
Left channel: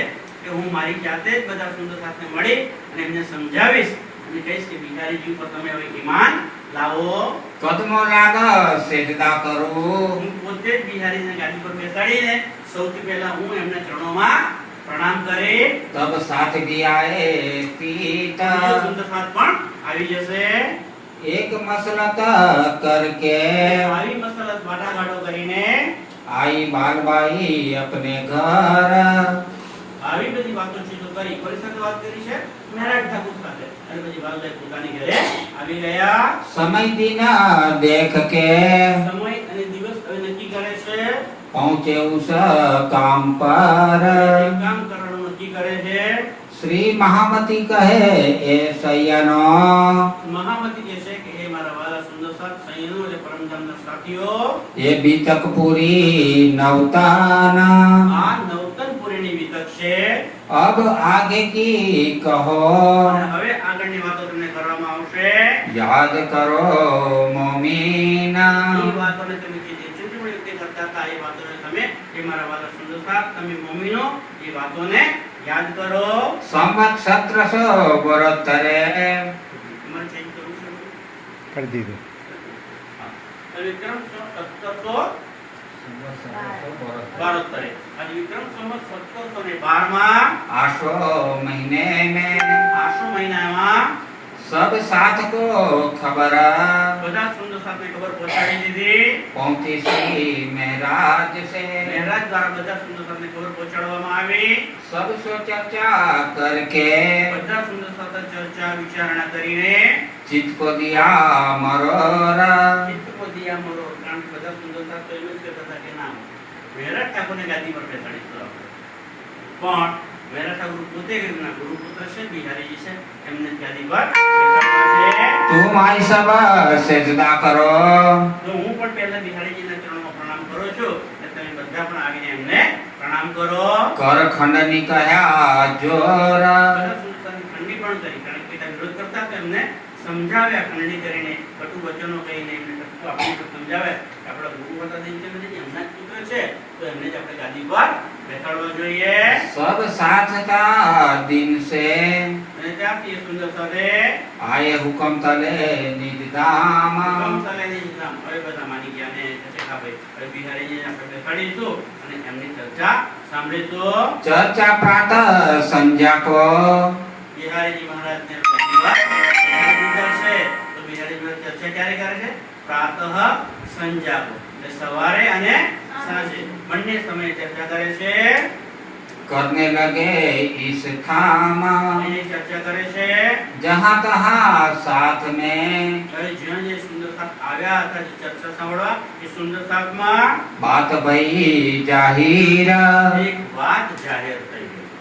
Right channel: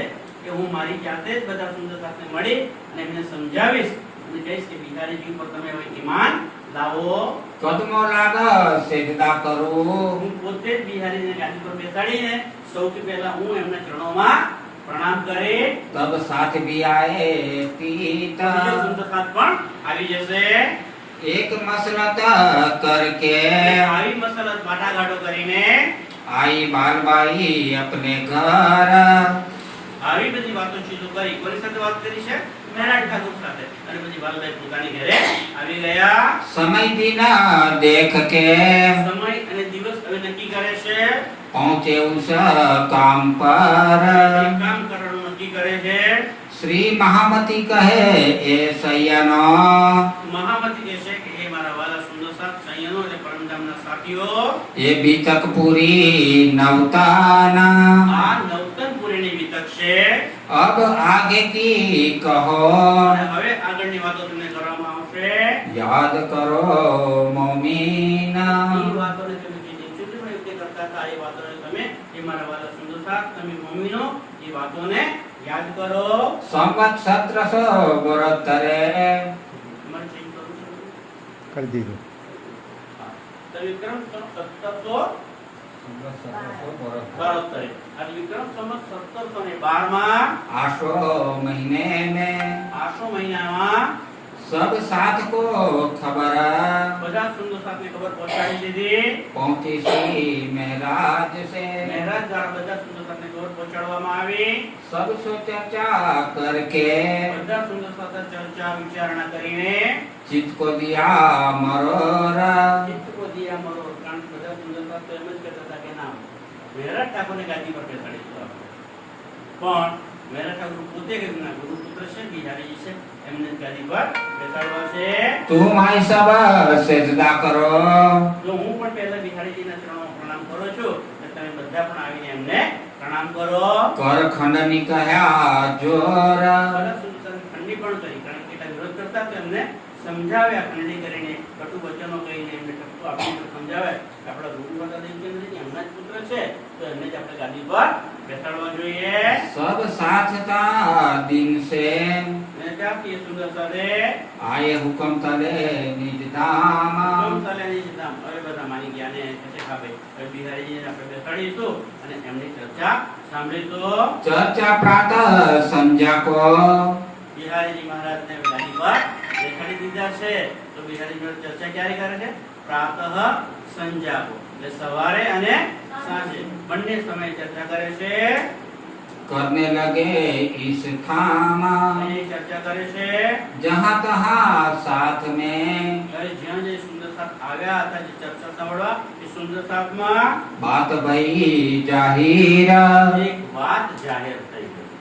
કે હું મારી જાતે જ બધા સુંદર સાથે મળી અને એમને સમજાવીશ અને કહીશ કે બિહારીજી ઉપર તમે હવે ઈમાન લાવો. कदमों लागा सेजदा करो હું પોતે જ બિહારીને ગાદી પર બેસાડીને સૌથી પહેલા હું એમના ચરણોમાં પ્રણામ કરી. तब साथ भी आए पीत બીજો સુંદર સાથ પણ આવી જશે. एक मसलत करके આવી મસલત વાટાઘાટો કરીને आई बालबाई अपने घर આવી બધી વાતો ચીજો કરી. કોની સાથે વાત કરી છે? મહેરાજ ઠાકુર સાથે. અને પછી બાલભાઈ પોતાની ઘરે આવી ગયા. समय दिन देख के સમય અને દિવસ હવે નક્કી કરે છે. पहुंचे उस काम पर એ કામ કરવાનું નક્કી કરે છે. श्री महामती कहे ए सैयनो મહામતી કહે છે કે હે મારા વાલા સુંદર સાથ સંયનો એટલે પરમધામના સાથીઓ, ये बीतक पूरी नवताना આ નવતન પુરીની વિતક છે. अब आगे की कहो અને હવે આગળની વાતો તમને કરવામાં આવશે. याद करो मोमीना એ વાતોને તમે જે દેવચંદ્રમાં યુક્તિ કરતા હતા એ વાતોને તમે એ મારા વાલા સુંદર સાથ તમે મોમીનો એ વાતોને યાદ કરો. संवत 1772 તમારે ચેન્જ કરવું છે? કરી દીધું. હા. તો વિક્રમ 1772 આજે વિક્રમ સંવત 1712 માં आशो महीने में આસો મહિનામાં सब साथ को खबर બધા સુંદર સાથને ખબર પહોંચાડી દીધી. पहुंची सी महराज से મહારાજ દ્વારા બધા સુંદર સાથને ખબર પહોંચાડવામાં આવી. सब सो चर्चा करके બધા સુંદર સાથે ચર્ચા વિચારણા કરીને चित्त को दिया मरोरा ચિત્ત को दिया मरोड़. કારણ કે બધા સુંદર સાથ તો એમ જ કહેતા હતા કે ના, મહારાજ ઠાકોરને ગાદી પર બેસાડીશું આપણે. પણ મહારાજ ઠાકોર પોતે કહ્યું ના, ગુરુપુત્ર છે બિહારીજી છે, એમને જ ગાદી પર બેસાડવા છે. तुम आई सब सेजदा करो તો હું પણ પહેલા બિહારીજીના ચરણોમાં પ્રણામ કરું છું અને તમે બધા પણ આવીને એમને પ્રણામ કરો. कर खंडनी कया जोर બધા સુંદર સાથ ખંડની પણ કરી, કારણ કે તે વિરોધ કરતા હતા, એમને સમજાવ્યા ખંડની કરીને, કટુ વચનો કહીને એમને ટપકો આપીને સમજાવ્યા કે આપણા ગુરુ હતા દેવચંદ્રજી એમના જ પુત્ર છે, તો એમને જ આપણે ગાદી પર બેસાડવા જોઈએ. सब साथ था दिन से અને ત્યારથી એ સુંદર સાથે आए हुक्म तले निज धाम કમસાલેની ધામ. હવે બધા માની ગયા ને કહે કે હા ભાઈ, હવે બિહારીજીને આપણે બેસાડીશું અને એમની ચર્ચા સાંભળીશું. चर्चा प्रातः संध्या को બિહારીજી મહારાજને ગાદી પર બેસાડી દીધા છે. તો બિહારીજી મહારાજ ચર્ચા ક્યારે કરે છે? પ્રાતઃ સંધ્યા કો, એટલે સવારે અને સાંજે બંને સમયે ચર્ચા કરે છે. करने लगे इस थाम એ ચર્ચા કરે છે. जहाँ तहाँ साथ में હવે જ્યાં જે સુંદર સાથ આવ્યા હતા જે ચર્ચા સાંભળવા, એ સુંદર સાથમાં बात भई जाहिर એક વાત જાહેર થઈ ગઈ.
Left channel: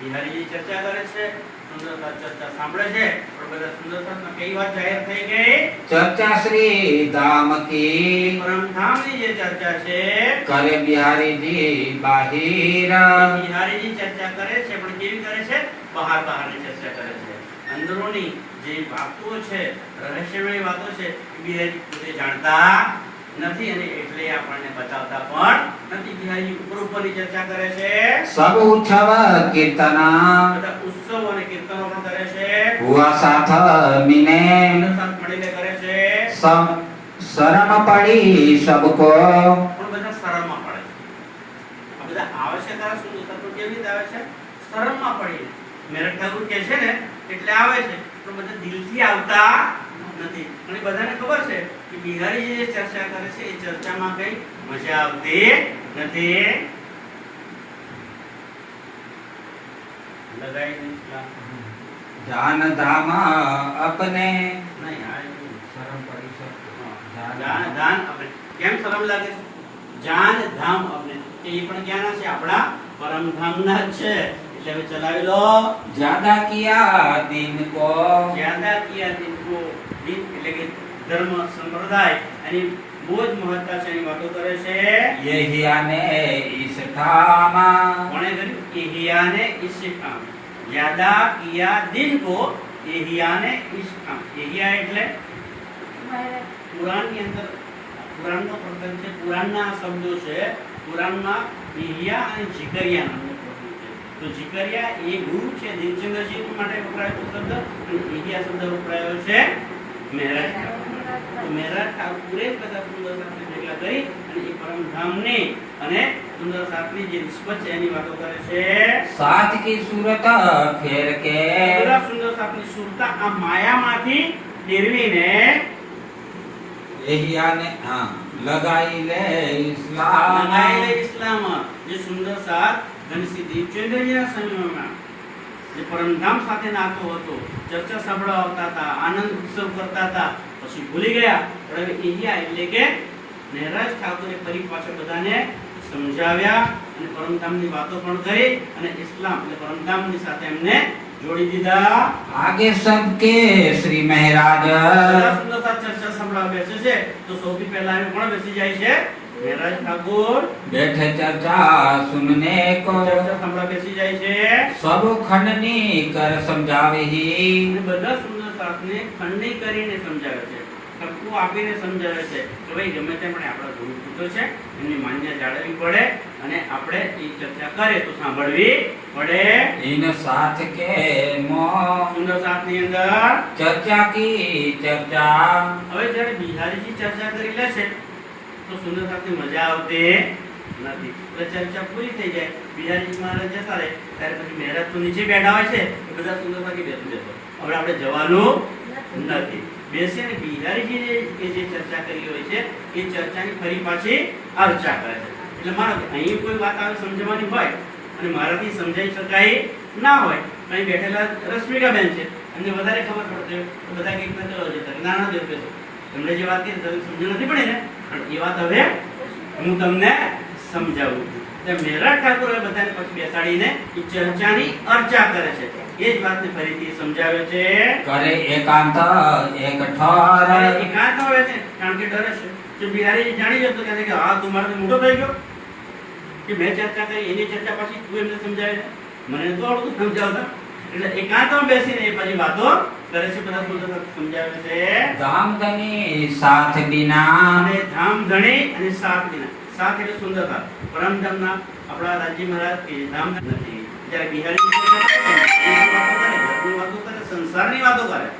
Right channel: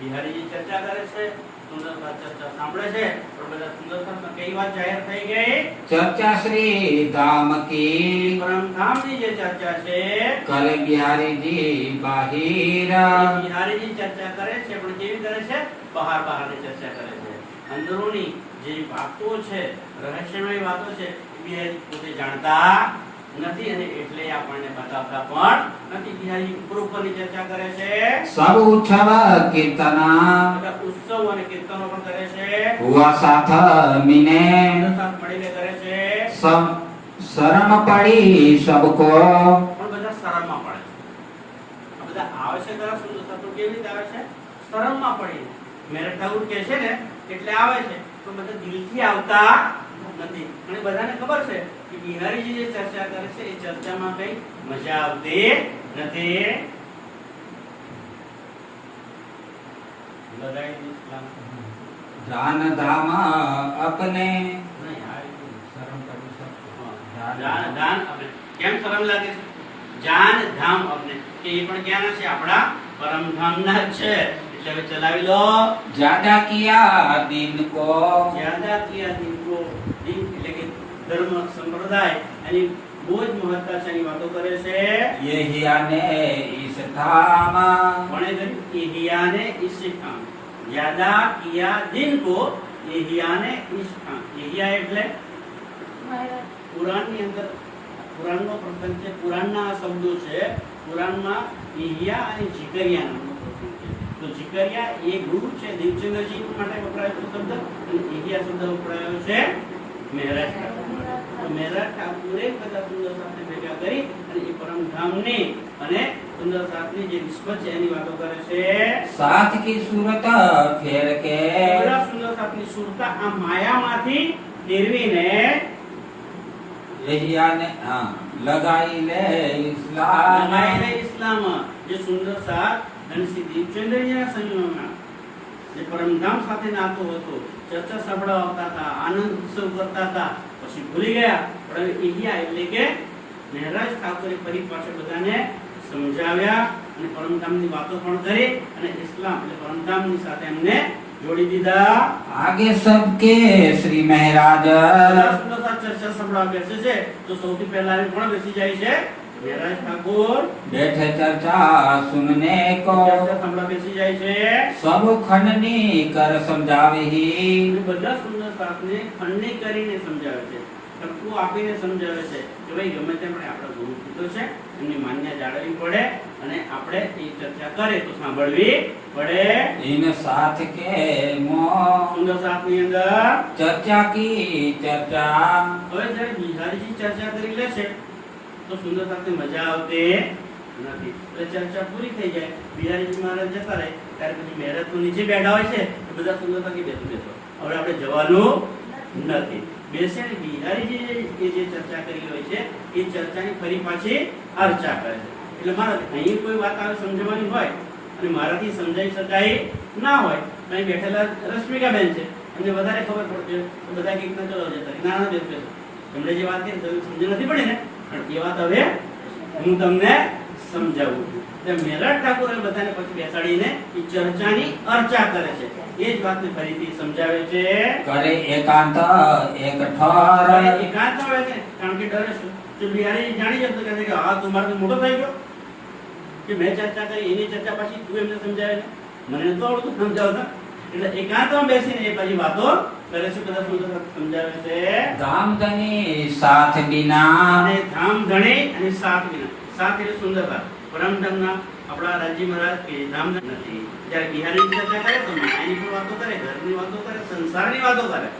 બિહારીજી ચર્ચા કરે છે, સુંદર સાથ ચર્ચા સાંભળે છે, પણ બધા સુંદર સાથમાં કઈ વાત જાહેર થઈ ગઈ? चर्चा श्री दाम की પરમધામની જે ચર્ચા છે, करे बिहारी जी बाहिर એ બિહારીજી ચર્ચા કરે છે, પણ કેવી કરે છે? બહાર બહારની ચર્ચા કરે છે. અંદરોની જે વાતો છે, રહસ્યમય વાતો છે, બિહારી પોતે જાણતા નથી અને એટલે આપણને બતાવતા પણ નથી. બિહારી ઉપર ઉપરની ચર્ચા કરે છે. सब उत्सव कीर्तना બધા ઉત્સવ અને કીર્તનો પણ કરે છે. हुआ साथ मिने બધા સાથ મળીને કરે છે. सब शर्म पड़ी सबको પણ બધા શરમમાં પડે છે. આ બધા આવે છે તારા સુંદર સાથ તો કેવી રીતે આવે છે? શરમમાં પડીને. મેરઠ ઠાકુર કહે છે ને એટલે આવે છે, પણ બધા દિલથી આવતા નથી. અને બધાને ખબર છે કે બિહારીજી જે ચર્ચા કરે છે એ ચર્ચામાં કઈ મજા આવતી નથી. લગાઈ દીધા. जान धाम अपने નહીં આ शर्म पड़ी सबको જાન ધામ આપણે કેમ શરમ લાગે છે? જાન ધામ આપણે કે એ પણ ક્યાંના છે? આપણા પરમધામના જ છે. એટલે હવે ચલાવી લો. ज्यादा किया दिन को જ્યાદા કિયા દિન કો, દિન એટલે કે ધર્મ સંપ્રદાય એની બહુ જ મહત્તા છે, એની વાતો કરે છે. यही आने इस धाम કોણે કર્યું? એહિયાને ઇસ કામ. જ્યાદા કિયા દિન કો એહિયાને ઇસ કામ. એહિયા એટલે પુરાણની અંદર, પુરાણનો પ્રસંગ છે, પુરાણના આ શબ્દો છે. પુરાણમાં એહિયા અને જીકરિયા નામનો પ્રસંગ છે. તો જીકરિયા એ ગુરુ છે દેવચંદ્રજી માટે વપરાયો શબ્દ, અને એહિયા શબ્દ વપરાયો છે મહારાજ ઠાકુર. તો મહારાજ ઠાકુરે બધા સુંદર સાથે ભેગા કરી અને એ પરમધામની અને સુંદર સાથની જે નિસ્બત છે એની વાતો કરે છે. साथ की सूरत फेर के બધા સુંદર સાથની સુરતા આ માયામાંથી ફેરવીને यही आने हाँ लगाई ले इस्लाम લગાયેલા ઇસ્લામ, જે સુંદર સાથ ધનશ્રી દેવચંદ્રજીના સમયમાં જે પરમધામ સાથે નાતો હતો, ચર્ચા સાંભળવા આવતા હતા, આનંદ ઉત્સવ કરતા હતા, પછી ભૂલી ગયા. પણ હવે એહિયા એટલે કે મહારાજ ઠાકોરે ફરી પાછળ બધાને સમજાવ્યા અને પરમધામની વાતો પણ કરી અને ઇસ્લામ એટલે પરમધામની સાથે એમને જોડી દીધા. आगे सबके श्री महाराज બધા સુંદર સાથ ચર્ચા સાંભળવા બેસે છે, તો સૌથી પહેલા આવી કોણ બેસી જાય છે? મહારાજ ઠાકોર बैठे चर्चा सुनने को ચર્ચા સાંભળવા બેસી જાય છે. सब खंडनी कर समझावे ही અને બધા સુંદર સાથને ખંડની કરીને સમજાવે છે, ટપકું આપીને સમજાવે છે કે ભાઈ ગમે તેમ પણ આપણા ગુરુ પુત્ર છે, એમની માન્યતા જાળવવી પડે અને આપણે એ ચર્ચા કરે તો સાંભળવી પડે. इन साथ के मो સુંદર સાથની અંદર चर्चा की चर्चा હવે જ્યારે બિહારીજી ચર્ચા કરી લે છે તો સુંદર સાથે મજા આવતી નથી. તો ચર્ચા પૂરી થઈ જાય, બિહારીજી મહારાજ જતા રહે, ત્યારે પછી મહારાજ તો નીચે બેઠા હોય છે, તો બધા સુંદર સાથે બેસો બેસો હવે આપણે જવાનું નથી. બેસીને બિહારીજી જે ચર્ચા કરી હોય છે એ ચર્ચાની ફરી પાછી અર્ચા કરે છે. એટલે મારો અહીં કોઈ વાત આવે સમજવાની હોય અને મારાથી સમજાઈ શકાય ના હોય, અહીં બેઠેલા રશ્મિકાબેન છે, એમને વધારે ખબર પડતી હોય તો બધા કંઈક ના ચલો જતા નાના દેવ તમને જે વાત કરી તમને સમજ નથી પડી ને, પણ એ વાત હવે હું તમને સમજાવું. મેરઠ ઠાકોર બધાને પછી બેસાડીને એ ચર્ચાની અર્ચા કરે છે. એ જ વાતને ફરીથી સમજાવે છે. કરે એકાંત એક ઠાર. એકાંત આવે છે કારણ કે ડરે છે. તો બિહારી જાણી જતો કહે છે કે હા તું મારો મોટો થઈ ગયો કે મેં ચર્ચા કરી એની ચર્ચા પછી તું એમને સમજાવે છે, મને તો આવડતું સમજાવતા. એટલે એકાંતમાં બેસીને એ પછી વાતો કરે છે, બધા સુંદર સમજાવે છે. ધામધની સાથ બિના. અને ધામધણી અને સાથ બિના. સાથ એટલે સુંદરતા. પરમધામના આપણા રાજી મહારાજ કે ધામધન નથી. જ્યારે બિહારી ચર્ચા કરે તો એની વાતો કરે, ઘરની વાતો કરે, સંસારની વાતો કરે.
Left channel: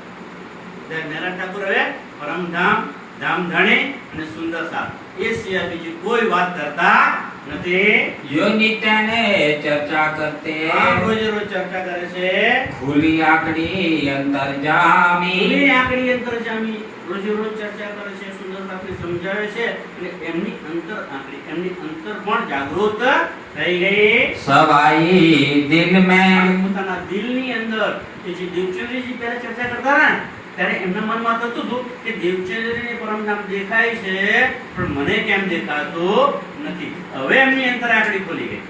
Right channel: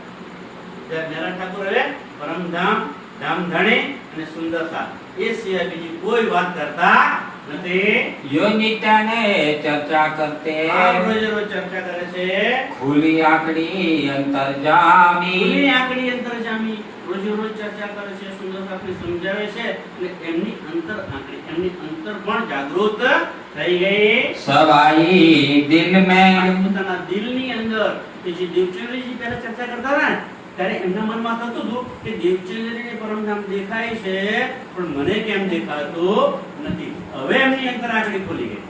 ત્યારે મેરઠ ઠાકોર હવે પરમધામ, ધામધણી અને સુંદરતા એ સિવાય બીજી કોઈ વાત કરતા નથી. યો નિત્યને ચર્ચા કરતે. રોજે રોજ ચર્ચા કરે છે. ખુલી આંકડી અંતરજામી. ખુલી આંકડી અંતરજામી. રોજે રોજ ચર્ચા કરે છે, સુંદરતાથી સમજાવે છે અને એમની અંતર આંકડી, એમની અંતર પણ જાગૃત થઈ ગઈ. સવાઈ દિલ મેં. પોતાના દિલની અંદર કે જે દેવચંદ્રજી પહેલા ચર્ચા કરતા હતા ને ત્યારે એમના મનમાં થતું હતું કે દેવચંદ્રને પરમધામ દેખાય છે પણ મને કેમ દેખાતું નથી. હવે એમની અંતર આંકડી ખોલી ગઈ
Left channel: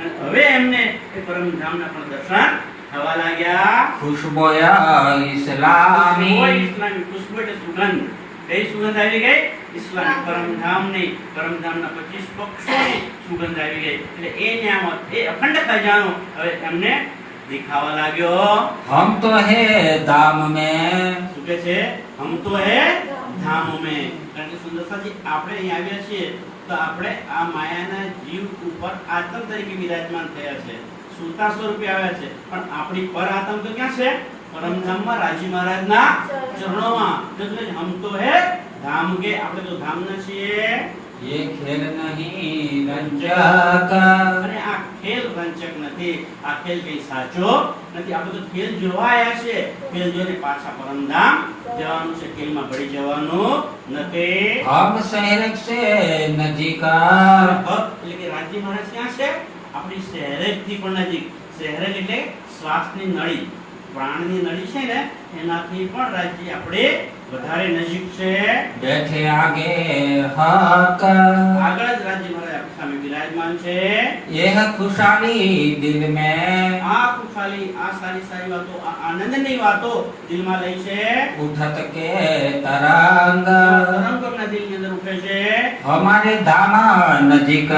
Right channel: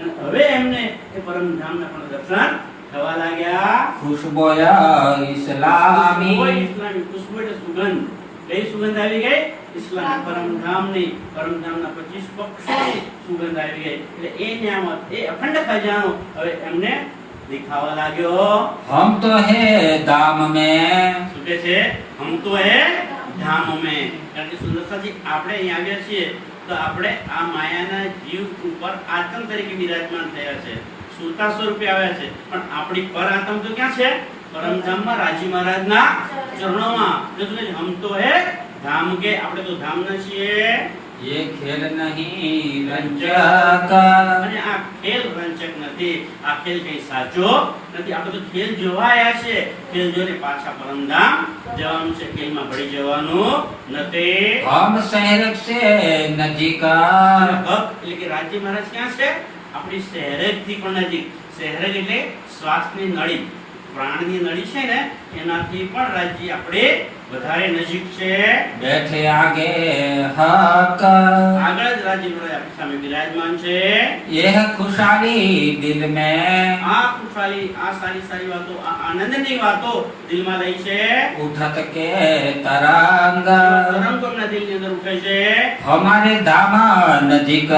અને હવે એમને એ પરમધામના પણ દર્શન થવા લાગ્યા. ખુશબોયા ઇસ્લામી. ઇસ્લામી ખુશ્બુ એટલે સુગંધ. કઈ સુગંધ આવી ગઈ? ઇસ્લામી પરમધામની, પરમધામના 25 પક્ષોની સુગંધ આવી ગઈ. એટલે એ નિયામત, એ અખંડ ખજાનો હવે એમને दिखावा लाग्यो. हम तो है धाम में. શું કહે છે? हम तो है धाम में. કારણ કે સુંદરતાજી આપણે અહીં આવ્યા છીએ તો આપણે આ માયાના જીવ ઉપર આત્મ તરીકે વિરાજમાન થયા છે, સુતા સ્વરૂપે આવ્યા છે, પણ આપણી પર આત્મ તો ક્યાં છે? પરમધામમાં રાજી મહારાજના ચરણોમાં. એટલે શું કહે છે? हम तो है धाम के. આપણે તો ધામના છીએ. ये खेल नहीं रंजक. અને આ ખેલ રંજક નથી. આ ખેલ કઈ સાચો નથી. આપણે તો ખેલ જોવા આવ્યા છે. ખેલ જોઈને પાછા પરમધામ જવાનું છે. ખેલમાં ભળી જવાનું નથી. हम शहर से नजीक. અને હક એટલે કે રાજી મહારાજ ક્યાં છે? આપણી શહેરક થી પણ નજીક. શહેરક એટલે શ્વાસની નળી, પ્રાણની નળી છે ને એનાથી પણ રાજી આપણે વધારે નજીક છે. बैठे आगे हक. આગળ જ રાજી મહારાજ આપણી સામે બિરાજમાન છે. यह खुशहाली दिल में. આ ખુશાલી, આ સારી સારી વાતો, આ આનંદની વાતો દિલમાં લઈ છે. उठत के तरंग. તરંગો એમના દિલની અંદર ઉઠે છે. हमारे धाम नजीक.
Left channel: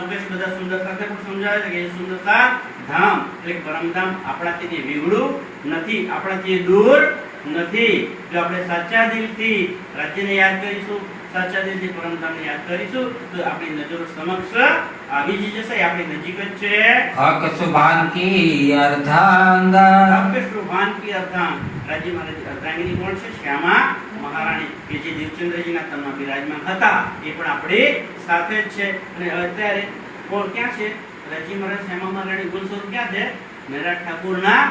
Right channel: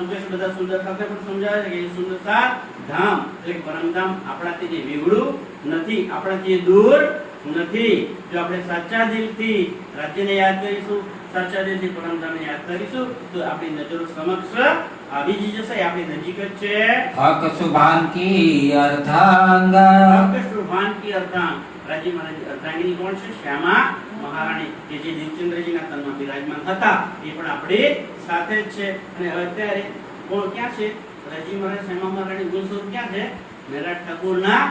સુકેશ બધા સુંદરતા પણ સમજાવે છે કે એ સુંદરતા ધામ એટલે કે પરમધામ આપણાથી જે વિગડું નથી, આપણાથી દૂર નથી. જો આપણે સાચા દિલથી રાજ્યને યાદ કરીશું, સાચા દિલથી પરમધામને યાદ કરીશું તો આપણી નજરો સમક્ષ આવી જ જશે. આપણી નજીક જ છે. हक सुभान की अर्धांग. આપે શુભાન કી અર્ધાંગ. રાજી મહારાજ અર્ધાંગિની કોણ છે? શ્યામા મહારાણી કે જે દેવચંદ્રજીના તનમાં બિરાજમાન હતા એ પણ આપણી સાથે જ છે. અને અત્યારે કોણ ક્યાં છે? રાજી મહારાજ શ્યામા મહારાણી ગુણ સ્વરૂપ ક્યાં છે? મેરઠ ઠાકોરના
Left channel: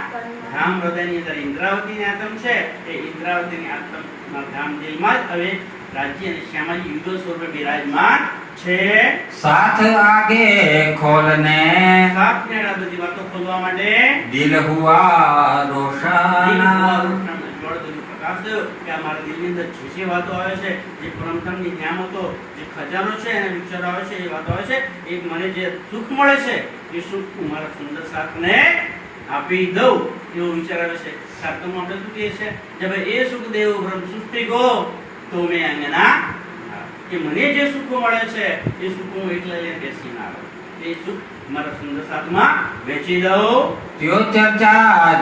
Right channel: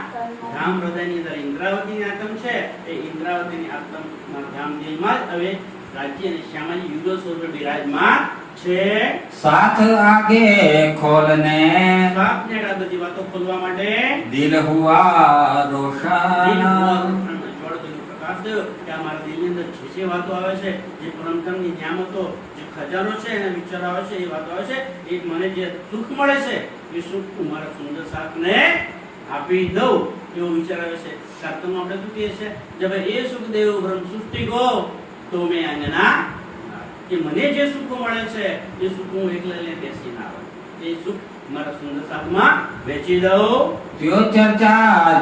ધામ હૃદયની અંદર ઇન્દ્રાવતીની આત્મ છે. એ ઇન્દ્રાવતીની આત્મના ધામ દિલમાં જ હવે રાજ્ય અને શ્યામાજી યુગલ સ્વરૂપે બિરાજમાન છે. साथ आगे खोलने. સાત નેડા બધી વાતો ખોલવા માટે दिल हुआ रोशन. પ્રકાશ થયો કે આ મારા દિલની અંદર જે વાતો આવે છે, જે પરમધામની નિયામતો, જે ખજાનો છે એના વિચાર આવે છે, એ વાતો આવે છે, એ મને જે સુખ મળે છે એ સુખ હું મારા સુંદર સાથને આપી દઉં એવો વિચાર આવે છે. શાસ્ત્રમાં આપણે શું કહીએ છીએ? જે ભાઈ એ સુખ દેવ બ્રહ્મ સૃષ્ટિ ગો તો મેં અંગના. કે મને જે સુખો મળે છે એ સુખ હું એકલા લઈને બેસી ના આવું. એ સુખ મારા સુંદર સાથમાં વેચી દઉં. त्यो चर्चा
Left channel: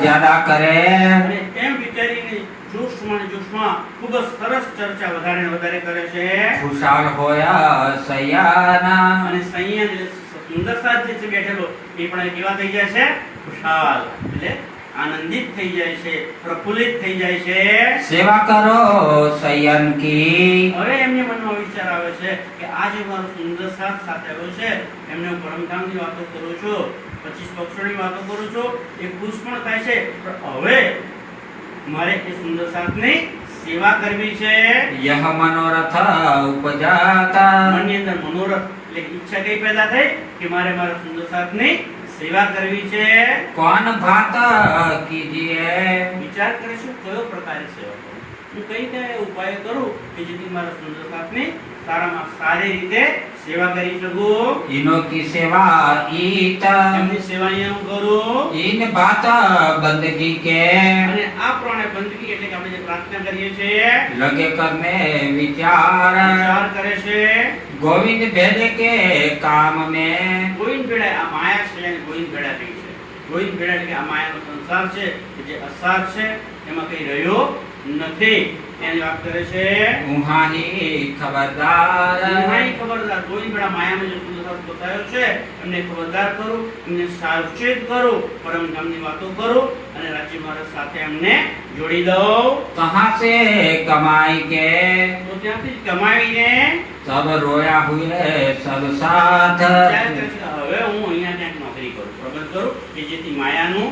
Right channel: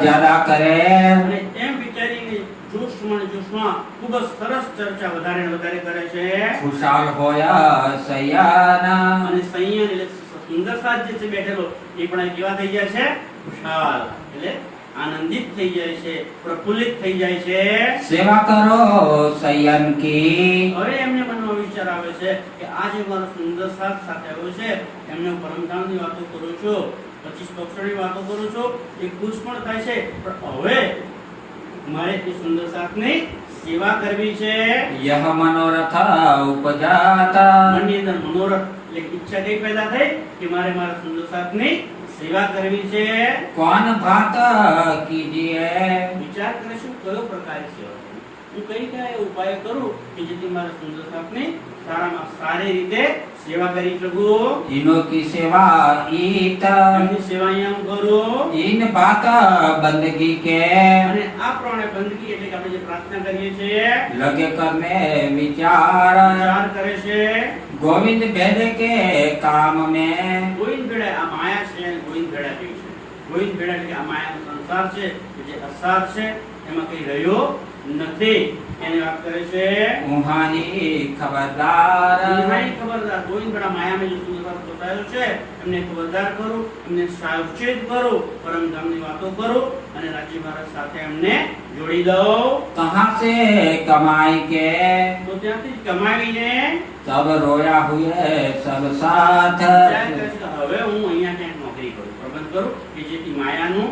ज्यादा करे. અને એમ વિચારીને જોશમાં ખૂબ જ સરસ ચર્ચા વધારે ને વધારે કરે છે. खुशहाल होया सयाना. અને સંયમ એટલે સુંદર સાથ જે છે બેઠેલો એ પણ કેવા થઈ જાય છે? ખુશાલ એટલે આનંદિત થઈ જાય છે, પ્રફુલ્લિત થઈ જાય છે. सेवा करो सयन की. હવે એમને મનમાં વિચાર આવે છે કે આ જે મારો સુંદર સાથ સાથે આવ્યો છે એમને હું પરમધામની વાતો કરું છું 25 પક્ષોની વાતો કરું છું, એ ખુશ પણ થાય છે, પણ હવે મારે એ સુંદર સાથની સેવા કરવી છે. यह मनोरथ उपजाता મનની અંદર મનોરથ એટલે ઈચ્છા કઈ પેદા થઈ કે મારે મારા સુંદર સાથની સેવા કરવી છે. कौन भात कीजिए વિચાર કરે છે કયો પ્રકારે સેવા કરું, હું કઈ કયા ઉપાય કરું કે જેથી મારા સુંદર સાથની સારામાં સારી રીતે સેવા કરી શકું. इनो की सेवा ईत એમની સેવા અહીંયા હું કરું. इन भात बंदगी के અને આ પ્રમાણે બંદગી એટલે કે આપણે જે પ્રાર્થના કરીએ છીએ लगे करने विचार વિચાર કરે છે. गोविंद भेदे के काम में ગોવિંદ ભેળા આ માયા છે એને ગોવિંદ ભેળા કહે છે. ગોવિંદ ભેળા એટલે કે આ માયાનો સંસાર છે કે જે અસાર છે એમાં કઈ રહ્યો નથી એની વાત કરે છે. उहाँ ही खबरदार એમાંય ખબરદાર ગોવિંદ ભેળા માયાનો જે સુંદર બતાવ્યો છે એમને ખબરદાર કરું, એમને સાવચેત કરું, પરમધામની વાતો કરું અને રાજી મહારાજ સાથે એમને જોડી દઉં. कहाँ से कमाई के તો ત્યાંથી જ કમાવીને सब रोया हुए सब साथ વિચાર કરે છે કે હવે હું અહીંયા ક્યાંક નોકરી કરું, પ્રબંધ કરું કે જેથી માયાનું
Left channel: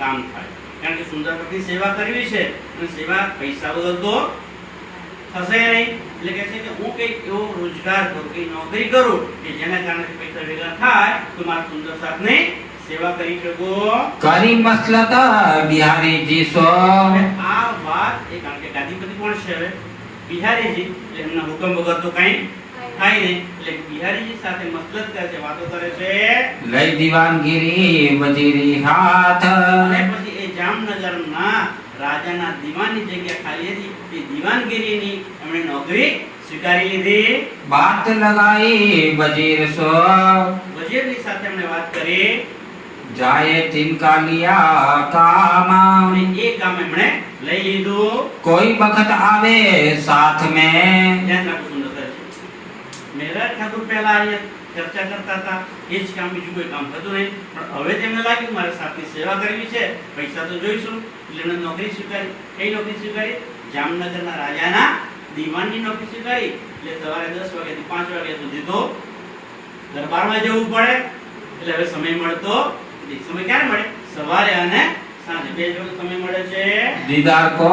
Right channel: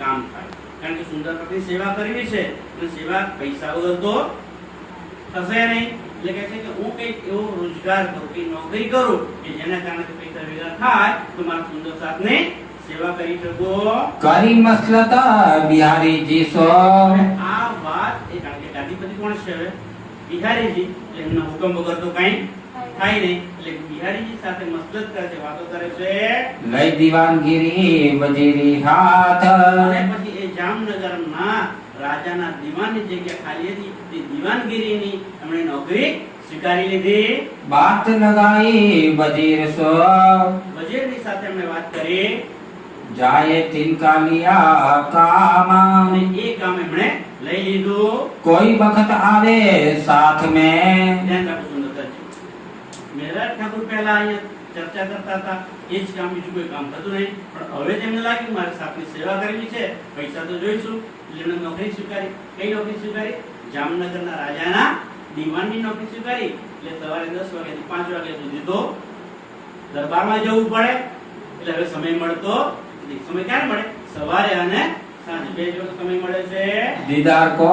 કામ થાય. કારણ કે સુંદર પત્ની સેવા કરવી છે અને સેવા પૈસા વગર તો થશે નહીં. એટલે કે છે કે હું કંઈક એવો રોજગાર કરું, કંઈક નોકરી કરું કે જેના કારણે પૈસા ભેગા થાય તો મારા સુંદર સાથની સેવા કરી શકું. करी मसलत बिहारी जी सो અને આ વાત એ કારણ કે ગાદીપતિ કોણ છે હવે? બિહારીજી. એટલે એમના હુકમ વગર તો કંઈ થાય નહીં. એટલે બિહારીજી સાથે મસલત કરે છે, વાતો કરે છે. लई दीवानगिरी वजीरी हाथ અને પછી એ જામનગરના રાજાના દીવાનની જગ્યા ખાલી હતી તે દીવાનગીરીની એમણે નોકરી સ્વીકારી લીધી. बात लगाई वजीर सो વજીરની સાથે એમણે વાત કરી जाए तिनका लिया काम અને એ કામ એમણે લઈ લીધું. कोई बखत आवे साथ में ધ્યાન રાખો સુંદર છે. મહેરાજ ઠાકુર પહેલા અહીંયા ચર્ચા કરતા હતા એ જ કામ, બીજું કોઈ કામ થતું નહીં. પણ હવે તેમને લાગ્યું મારે સાથની સેવા કરવી છે, પૈસા તો જોઈશું, એટલે એમણે નોકરી સ્વીકારી. કઈ નોકરી સ્વીકારી? જામનગરના રાજાના દીવાનની નોકરી સ્વીકારી. એટલે સવારે 10 વાગ્યાથી 5 વાગ્યા સુધી તો દરબારમાં જવું પડે. એટલે હવે સમય મળતો નથી. સમય ક્યારે મળે? સવારે અને સાંજે 2 વખત સમય મળે છે. दीदार को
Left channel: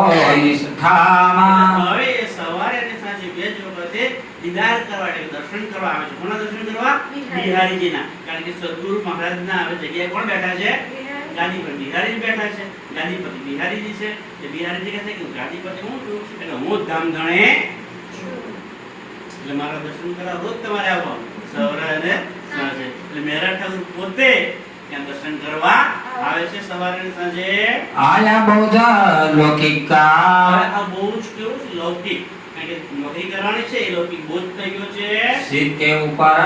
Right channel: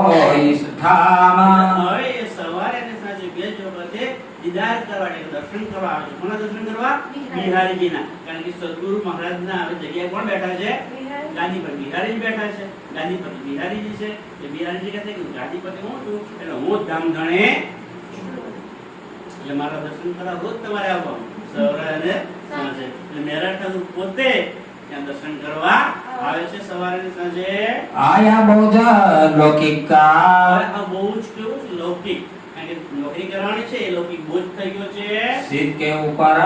इस ठामा હવે એ સવારે અને સાંજે 2 જ વખતે દીદાર કરવા એટલે દર્શન કરવા આવે છે. કોના દર્શન કરવા? બિહારીજીના. કારણ કે સદગુરુ મહારાજના હવે જગ્યાએ કોણ બેઠા છે? ગાદી પર બિહારી બેઠા છે. ગાદીપતિ બિહારીજી છે. એ બિહારીજી કહે છે કે ગાદીપતિ હું છું એટલે હું જ ધામધણે છું. એટલે મારા દર્શન કરવા રોજ તમારે આવવાનું સવારે અને સાંજે. એટલે મહેરા ઠાકુર પોતે ત્યાં દર્શન કરવા આવે છે સવારે અને સાંજે. आया बहुत लौकिक का હવે આ બહુ જ કેવું છે? લૌકિક. કારણ કે નોકરી કરવાની છે એ લૌકિક બોજ થઈ ગયો છે. सिर के ऊपर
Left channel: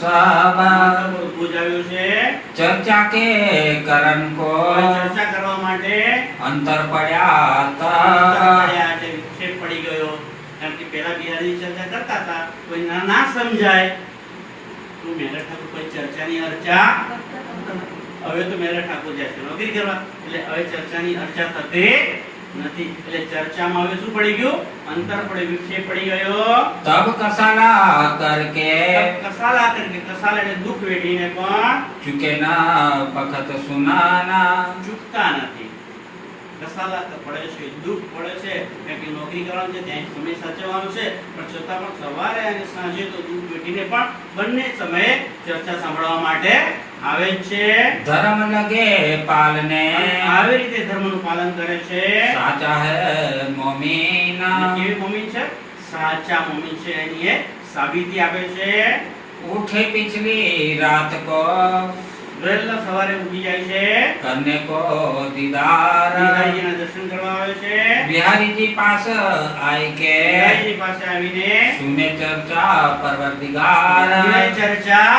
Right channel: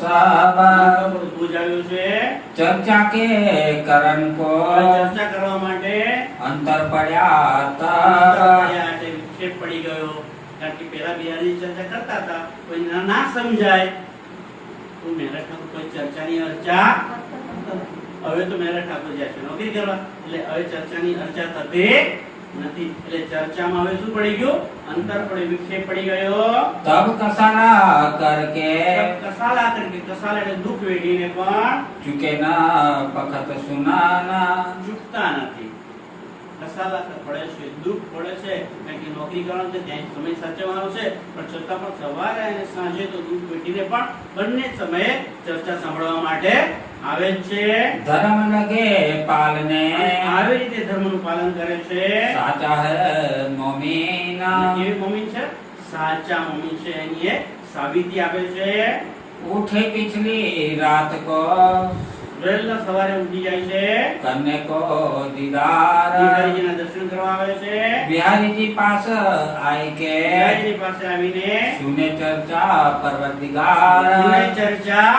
सब માથા પર બોજ આવ્યો છે. चर्चा के करण को હવે ચર્ચા કરવા માટે अंतर पड़ा અંતર तब પડ્યા એટલે વિક્ષેપ પડી ગયો. કારણ કે પહેલા બિહારી ચર્ચા કરતા હતા, કોઈ ના સમજાય તો મહેરા ઠાકુર કોઈ ચર્ચાની અર્ચા. હવે તો મહેરા ઠાકુર જાય છે નોકરી કરવા, એટલે હવે ચર્ચાની અર્ચા થતી નથી. એટલે ચર્ચામાં હવે શું પડી ગયું? અંતર પડ્યું, વિક્ષેપ પડી ગયો. तब कसाला करके કસાલા કરીને, કસાલા એટલે દુઃખ વેઠીને પણ चुके न बखत सुनाना ચૂકતા નથી. કસાલા પડે છે, દુઃખ પડે છે, કારણ કે નોકરી કરવાનું છે, ત્યાં સમય સાચવવાનો છે, પણ છતાં પણ સવારે અને સાંજે તો દુઃખ વેઠીને પણ બંને સમયે ચર્ચા સાંભળવા માટે આવે જ છે. धर्म लगे पालने અને આવી રીતે ધર્મનું પાલન કરે છે. साचा है मोमीन અને કેવી મોમીન છે? સાચા મોમીન છે. એની એ સાબિતી આપે છે. उठे पिछली रात को વહેલા સવારે ઉઠી જાય છે, करने को दीदार બિહારીજીના દર્શન કરવા આવે છે. बिहारी जी पास आए के બિહારીજી પાસે આવીને सुने चर्चा परवरदिगार સુને ચર્ચા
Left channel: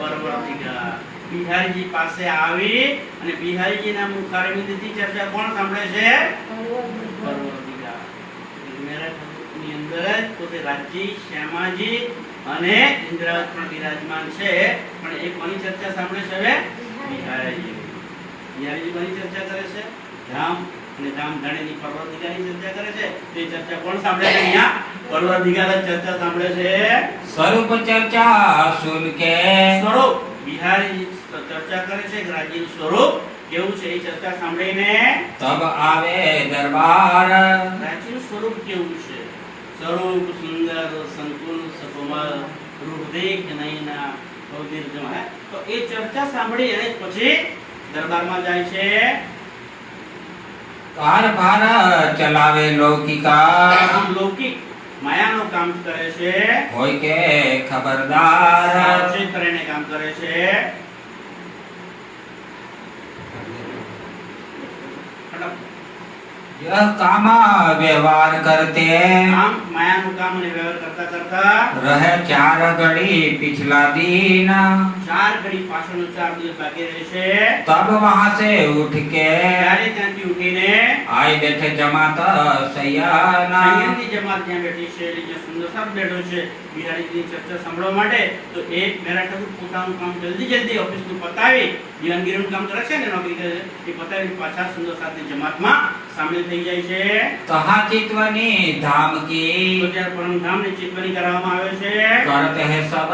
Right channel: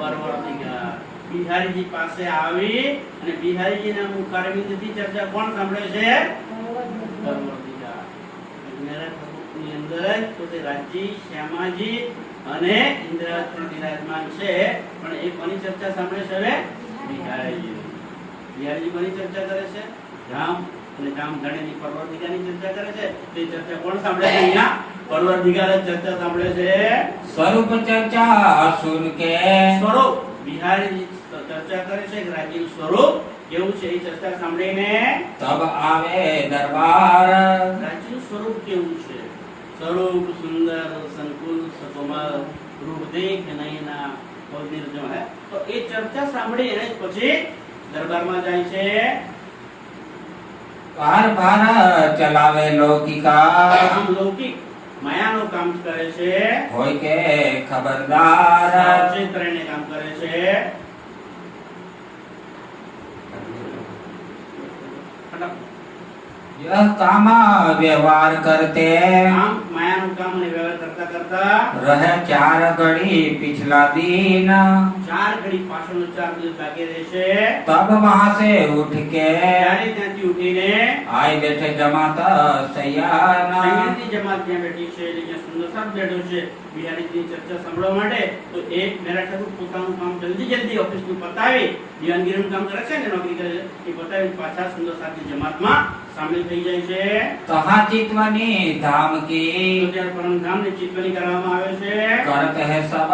પરવર્તિકાર. બિહારીજી પાસે આવી અને બિહારીજીના મુખારવિંદથી ચર્ચા કોણ સાંભળે છે? પરવર્તિકાર. મેરા ઠાકુરની અંદર જ પોતે રાજજી, શ્યામાજી અને ઇન્દ્રાવત પણ બિરાજમાન છે. પણ એક કોની ચર્ચા સાંભળે છે હવે? બિહારીજી. બિહારીજી કોની ચર્ચા કરે છે? ધામ અને ધામ ધણીની પરવર્તિકાની ચર્ચા કરે છે. તે ચર્ચા કોણ સાંભળે છે અહીંયા? પરવર્તિકાર જ ચર્ચા સાંભળે છે. स्वरूप चर्चा सुन के સ્વરૂપ બિહારી ચર્ચા કરે છે કે રાજ્યનું સ્વરૂપ કેવું છે. એ ચર્ચા સાંભળીને તબ આવે દરબાર રાજ્યનું સ્વરૂપ કેવું છે? સ્વરૂપ સુંદર સંકુલ સકોમલ રૂપદેખ નયના અવધિર્જમ હે. તો એ ચર્ચા સાંભળી અને પછી દરબારમાં જાય છે. કારભાર ચલાવે લૌકિકા આમ લૌકિક માયાનું કામ કરે છે, હોય કે ખબરદાર સાવચેત રહીને કામ કરે છે. यह काम व्यवहार करते આમ માયાનું કામ અને વ્યવહાર કરતા કરતા रहे 4 घड़ी पिछला दिन 4 ઘડી પાછળનો 4 દિવસ બાકી રહેશે. तब वहां से उठ के ત્યારે ત્યાંથી ઉઠીને आए बैठे जमात सयाना સંયમની જમાત ત્યાં બેઠી છે, એટલે જ્યાં સુંદર સાહેબ બેઠો છે બિહારીજીની ચર્ચા સાંભળવા માટે. તો એક મેરા ઠાકુર પોતાનું કામ જલ્દી ઓફિસનું પતાવી દિવાનગીરીનું કામ કરે છે ને, નોકરી કરે છે, એ પતાવી પાછા સુંદર સાહેબની જમાતમાં સામેલ થઈ જાય છે. तहाँ चितवनी धाम તો की ત્યાં પરમધામની ચિંતવણી કરવામાં આવે છે. करते है सब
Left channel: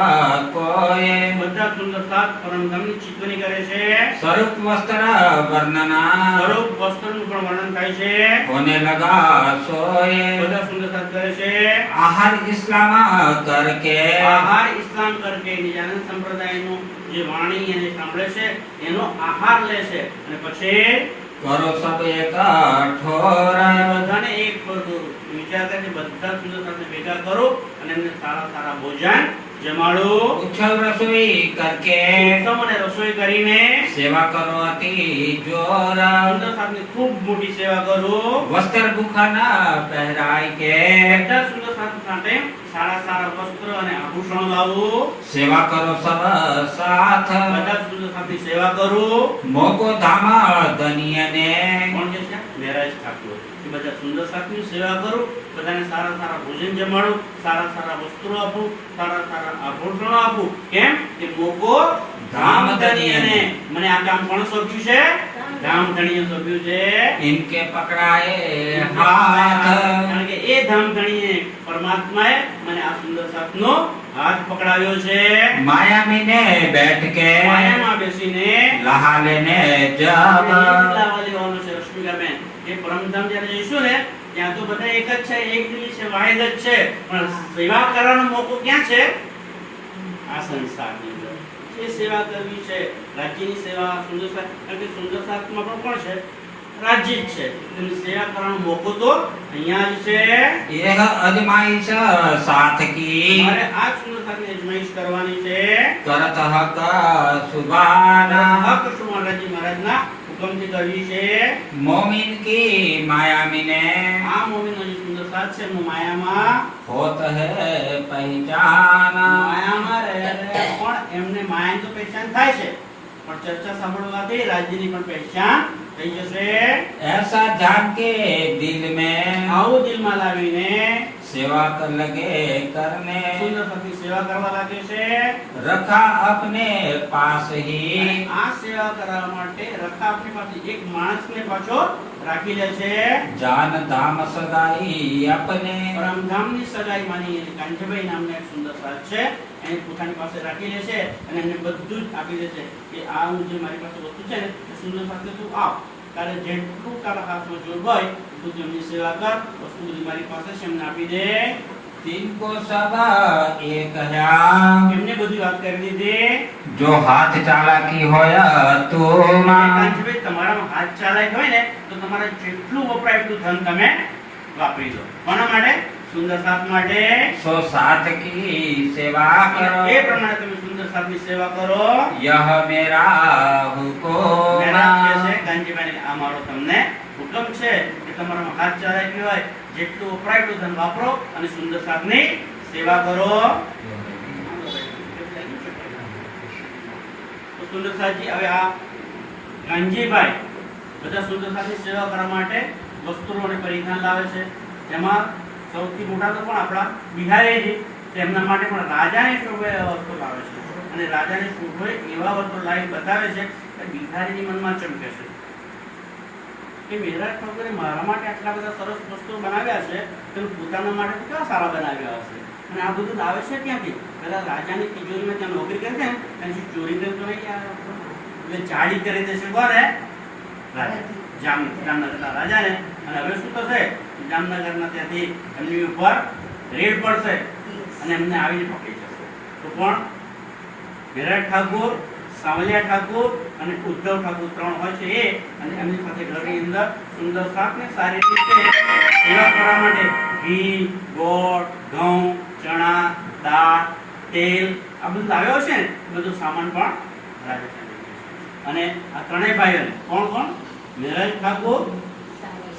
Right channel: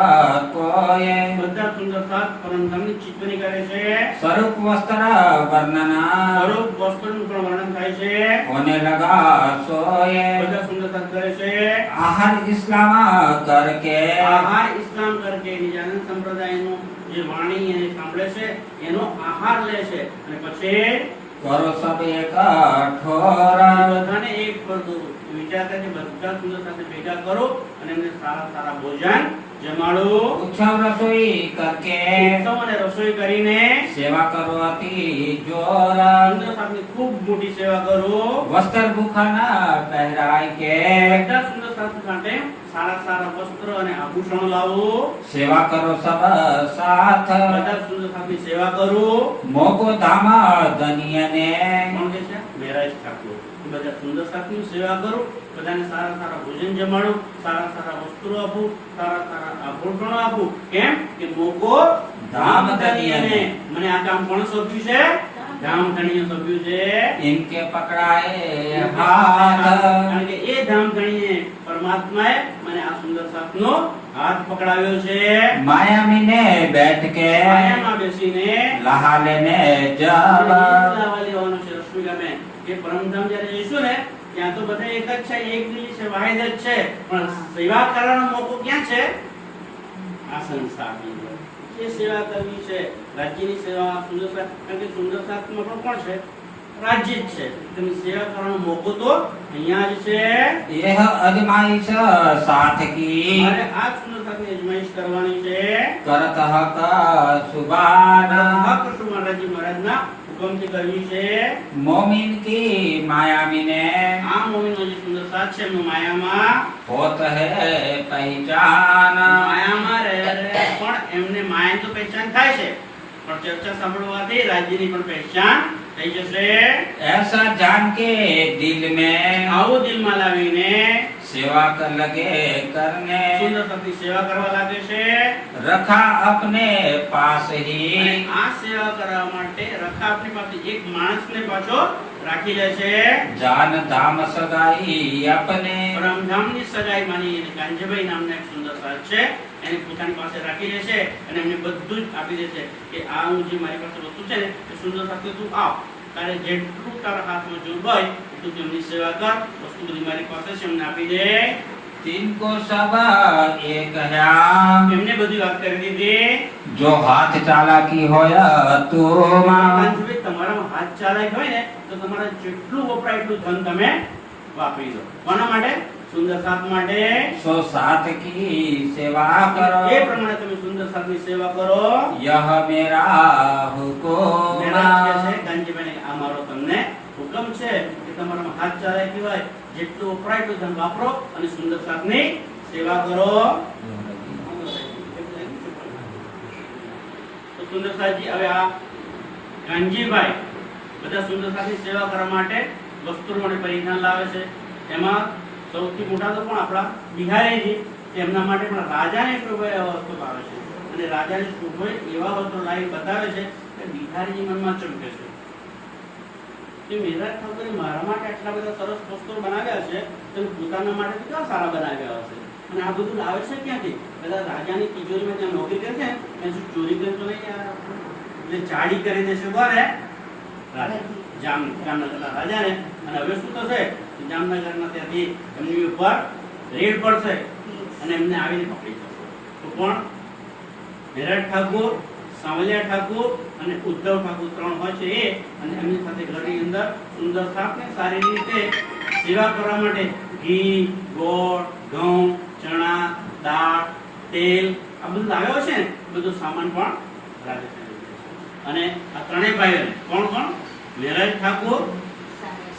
कोय બધા સુંદર સાહેબ પરમધામની ચિંતવણી કરે છે. स्वरूप वस्त्र वर्णना સ્વરૂપ વસ્તુનું પણ વર્ણન થાય છે. होने लगा सोय બધા સુંદર સાહેબ કરે છે. आहार इस्लाम करके આહાર ઇસ્લામ કરકે નિજાનંદ સંપ્રદાયનું જે વાણી એને સાંભળે છે એનો આહાર લે છે અને પછી करो सब एक ठोर બધાને એક કરું વિચાર કરે કે બધા સુંદર સાથે ભેગા કરો અને એમને સારા સારા ભોજન જમાડું. उत्सव रसोई करके ઉત્તમ અને રસોઈ કરીને सेवा करो अति जोर સુંદર સાથની ખૂબ મોટી સેવા કરો. वस्त्र भूखन पहराय के બધા સુંદર સાથ માટે સારા સારા વસ્ત્ર અને આભૂષણો લાવો. सेवा करो सब साथ બધા સુંદર સાથની સેવા કરો. मोको धाम धनिय ने કોણ કે છે? મહારાજ ઠાકોર. એ બધા સુંદર સાથની સેવા કરો, બધાને સારા સારા ભોજન જમાડું, સારા સારા વસ્ત્રો આપું, સારા સારા આભૂષણો આપું. કેમ કે મોકો ધામ ધણીને મને આ કામ કોણ સોંપ્યું છે? ધામ ધણીએ સોંપ્યું છે. इनके पकड़ाए हाथ કારણ કે એ ધામ ધણીએ પરમાત્માએ મને આ સુંદર સાથનો હાથ પકડાવ્યો છે. मायामी ने बैठ के માયામાં બેસીને लहा लेने जब લાવા લેવાનો છે. રશ્મિકાબેન, એ પરમધામ જ્યારે જઈશું ને ત્યાં તો બધા એક જ છે, એક દિલી છે, વાહિદ જ છે, પણ સેવા કરવાનો મોકો ક્યાં છે? આ સંસારની અંદર. એ સેવા કરવી છે, રાજ્યની સેવા. સુંદર સાથ, કારણ કે સુંદર સાથમાં પણ કોણ છે? રાજ્ય જ છે. તેની સેવા કરવાનો મોકો તો અહીંયા જ છે. यह अजमाइश साथ की મારે આ સુંદર સાથની અજમાઈશ કરવાની છે. करत हक सुबान હક શું મહારાજી મહારાજના હુકમથી કરવી છે. मोमिन की मायामी ने આ મોમીનો જે સુંદર સાથ છે એનું માયામાં होत है पहचान માયામાં રહે પણ એમને માયાની તો પહેચાન થાય છે, પણ ચર્ચા સાંભળવાથી રાજ્યની પણ પહેચાન થઈ જશે. ऐसा जान के दिल में આવું દિલમાં લાવીને सेवा कर लगे करने સુંદર સાથની સેવા કરવા લાગે છે. रखा अपने पास ही અને આ સેવા કરવા માટે રખા આપણી પાસે એક માણસને પાછો રાખી લે છે. जान धाम सगाई अपने પરમધામની સગાઈ માની અને કાંજભાઈ નામના એક સુંદર સાથ છે એને પોતાની પાસે રાખી લે છે અને એમને બધું જ આપી દે છે કે આ હું જે મારી પાસે વસ્તુ છે ને એ સુંદર સાથે તું આવ, તારે જેટલું તારા હાથમાં જોવું હોય તું તેમની સેવા કર, વસ્તુ બધી મારી પાસે છે એમને આપી દે. तीन को सब एक है એમને બધી વાત કરી દીધી. जो हाथ चालाकी होया तो કાંજભાઈ તમારામાં હાથ ચાલાક હોય ને તો તમારે જેટલું વપરાય એટલું ધન તમે વાપરી દો. કોના માટે? સુંદર સાથ માટે. सो साथ की सेवा करो એ પ્રમાણે તમે સુંદર સાથની સેવા કરો. यह मेरा हुकुम મહેનત કે છે ગાંધીભાઈને આ મારો તમને હુકમ છે કે તમારામાં હાથ ચાલાકી હોય જેટલું વપરાય એટલું ધન વાપરો અને સુંદર સાથની સેવા કરો. તો સુંદર સાથજી હવે આ ગાંધીભાઈ બધા સુંદર સાથની સેવા કરવા માટે વસ્તુઓ અને પરિધાન લાવે છે. એમાં સૌથી મોટા તો પણ આપણા બિહારીજી તેમના માટે પણ રાજાની શોભે વસ્તુ લાવે છે અને રાજાની શોભે એવા વસ્તુ લાવી બતાવે છે કે બિહારીજી મનમાં ચમકે છે કે મેરા ઠાકોરે મારા માટે આટલા બધા સરસ વસ્તુઓ બનાવ્યા છે તો પોતાના માટે કેવા સારા બનાવ્યા હશે અને આ બધું લાવે છે ક્યાંથી? પેલા રાજાની તિજોરીમાં ત્યાં નોકરી કરે છે ત્યાંથી ચોરી કરી તો નહીં યાર. એટલે ચાળી કરી દેશે કોને? રાજા. જામનગરના રાજાને. અને હવે શું થશે? જામનગરના ત્યાંથી એમની ઉપર રેડ પડશે અને એમને આવીને પકડી જશે. તો કોણ? મેરાજ ઠાકોર, સાવલિયા ઠાકોર અને ઉદ્ધવ ઠાકોર 3 હોય છે એ, અને એમની સાથે ઘરની અંદર સુંદર શાકને સારી રીતે સેવા કરવા માટે ઘી, ગોળ, ઘઉં, ચણા, દાળ, તેલ આ બધું લાવ્યો છે ને, બધું સામાન પણ રાજા ત્યાં લઈ ગયા છે. અને આ ત્રણેય ભાઈઓને કોણ કોણ? મેરાજ ઠાકોર,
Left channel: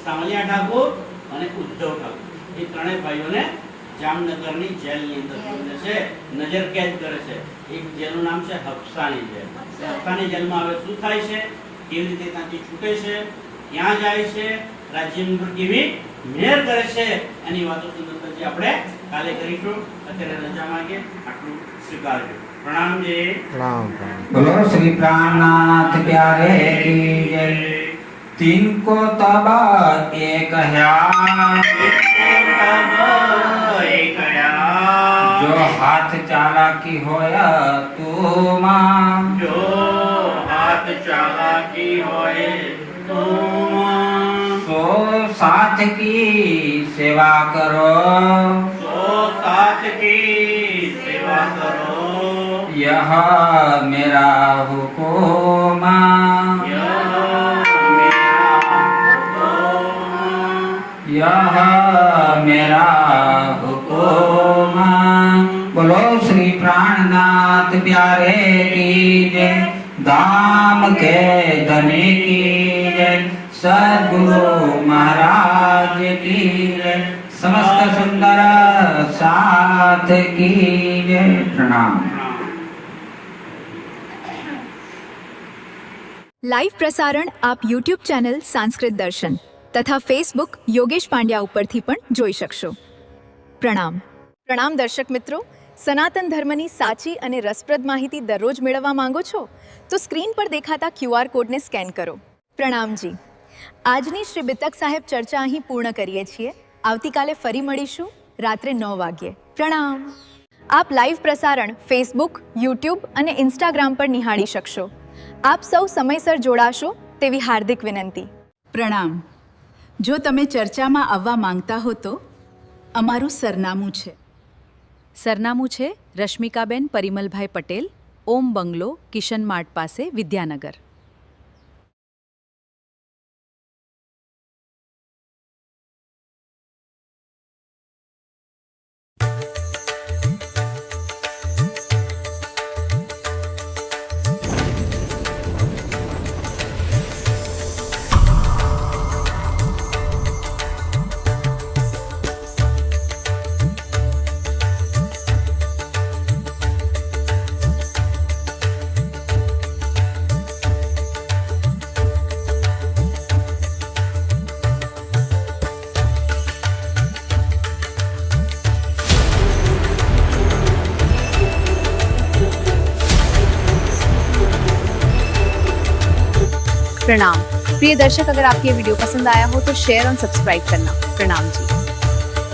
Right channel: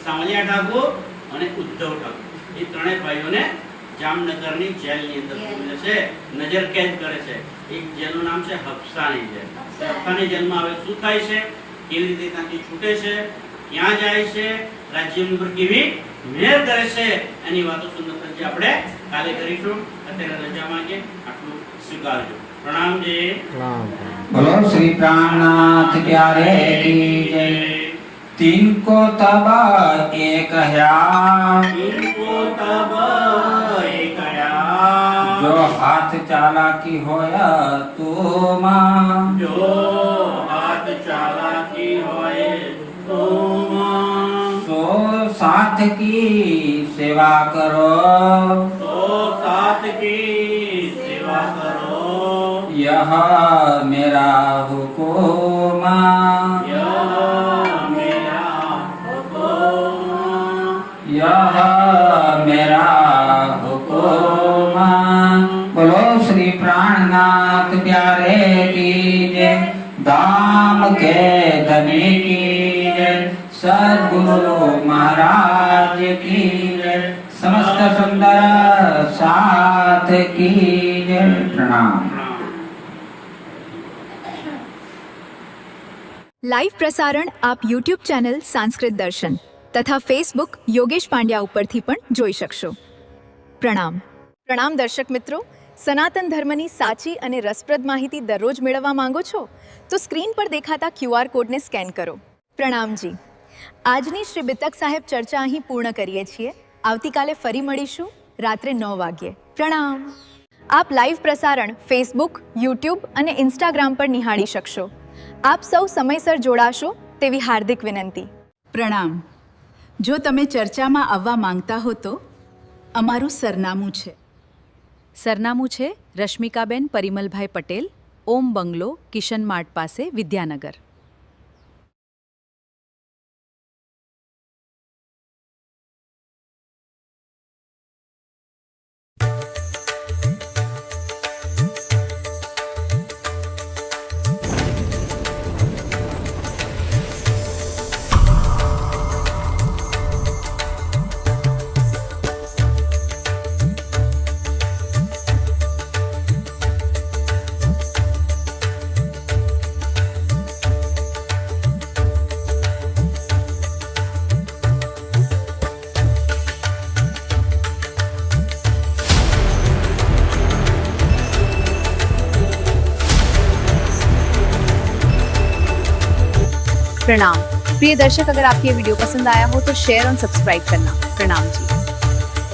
સાવલિયા ઠાકોર અને ઉદ્ધવ ઠાકોર એ ત્રણેય ભાઈઓને જામનગરની જેલની અંદર પૂરી છે, નજર કેદ કરે છે. એક જેલનું નામ છે હફસાની જેલ. હફસાની જેલમાં હવે શું થાય છે, કેવી રીતે ત્યાંથી છૂટે છે, ક્યાં જાય છે, રાજ્યની ઉપર કેવી મેર કરે છે, એની વાતો સુંદરતાજી આપણે કાલે કરીશું. અત્યારે રજા માંગે આટલું સ્વીકારજો. પ્રણામ જી. बोलो श्री प्राणनाथ प्यारे की जय। तीन को तब एक जो हाथ चालाकी होया तू मां, जो हाथ चालाकी होए तो सो साथ की सेवा करो, तो साथ की सेवा करो, यह मेरा हुकुम, यह मेरा हुकुम, यह मेरा हुकुम। बोलो श्री प्राणनाथ प्यारे की जय। धाम के धनी की जय। सद्गुरु महाराज की जय। समस्त सुंदर साथ की जय। प्रणाम। લાઈવ પ્રસારણ આપ યુટ્યુબ ચેનલ સંસ્કૃત દર્શન તથા ફેસબુક યોગેશ પાંડ્યા ઉપરથી પણ જોઈ શકશો. પ્રણામ. પ્રણામ દર્શક મિત્રો. સનાતન ધર્મની સાચી અને રસપ્રદ માહિતી દરરોજ મેળવવા માંગો છો તો સ્ક્રીન પર દેખાતા QR કોડને સ્કેન કરો. પ્રણામજી. આજની શ્રી બિતક સાહેબ ચર્ચા અહીં પૂર્ણ કરીએ છીએ. આવતીકાલે ફરી મળીશું રાત્રે 9 વાગ્યે. પ્રણામ. આપ લાઈવ પ્રસારણ ફેસબુક, યુટ્યુબ અને ઇન્સ્ટાગ્રામ પર નિહાળી શકશો. આપ સૌ સમયસર જોડાશો તેવી હાર્દિક વિનંતી. પ્રણામ. જો તમે ચર્ચામાં આવવા માંગતા હો તો અમારું સરનામું છે. સરનામું છે રશ્મિકાબેન પરિમલભાઈ પટેલ, ઓમ બંગલો, કિશન માર્ટ પાસે, વિદ્યાનગર. प्रणाम प्रिय दर्शक, अगर आपको ये वीडियो पसंद आया हो तो शेयर और सब्सक्राइब करना. प्रणाम जी.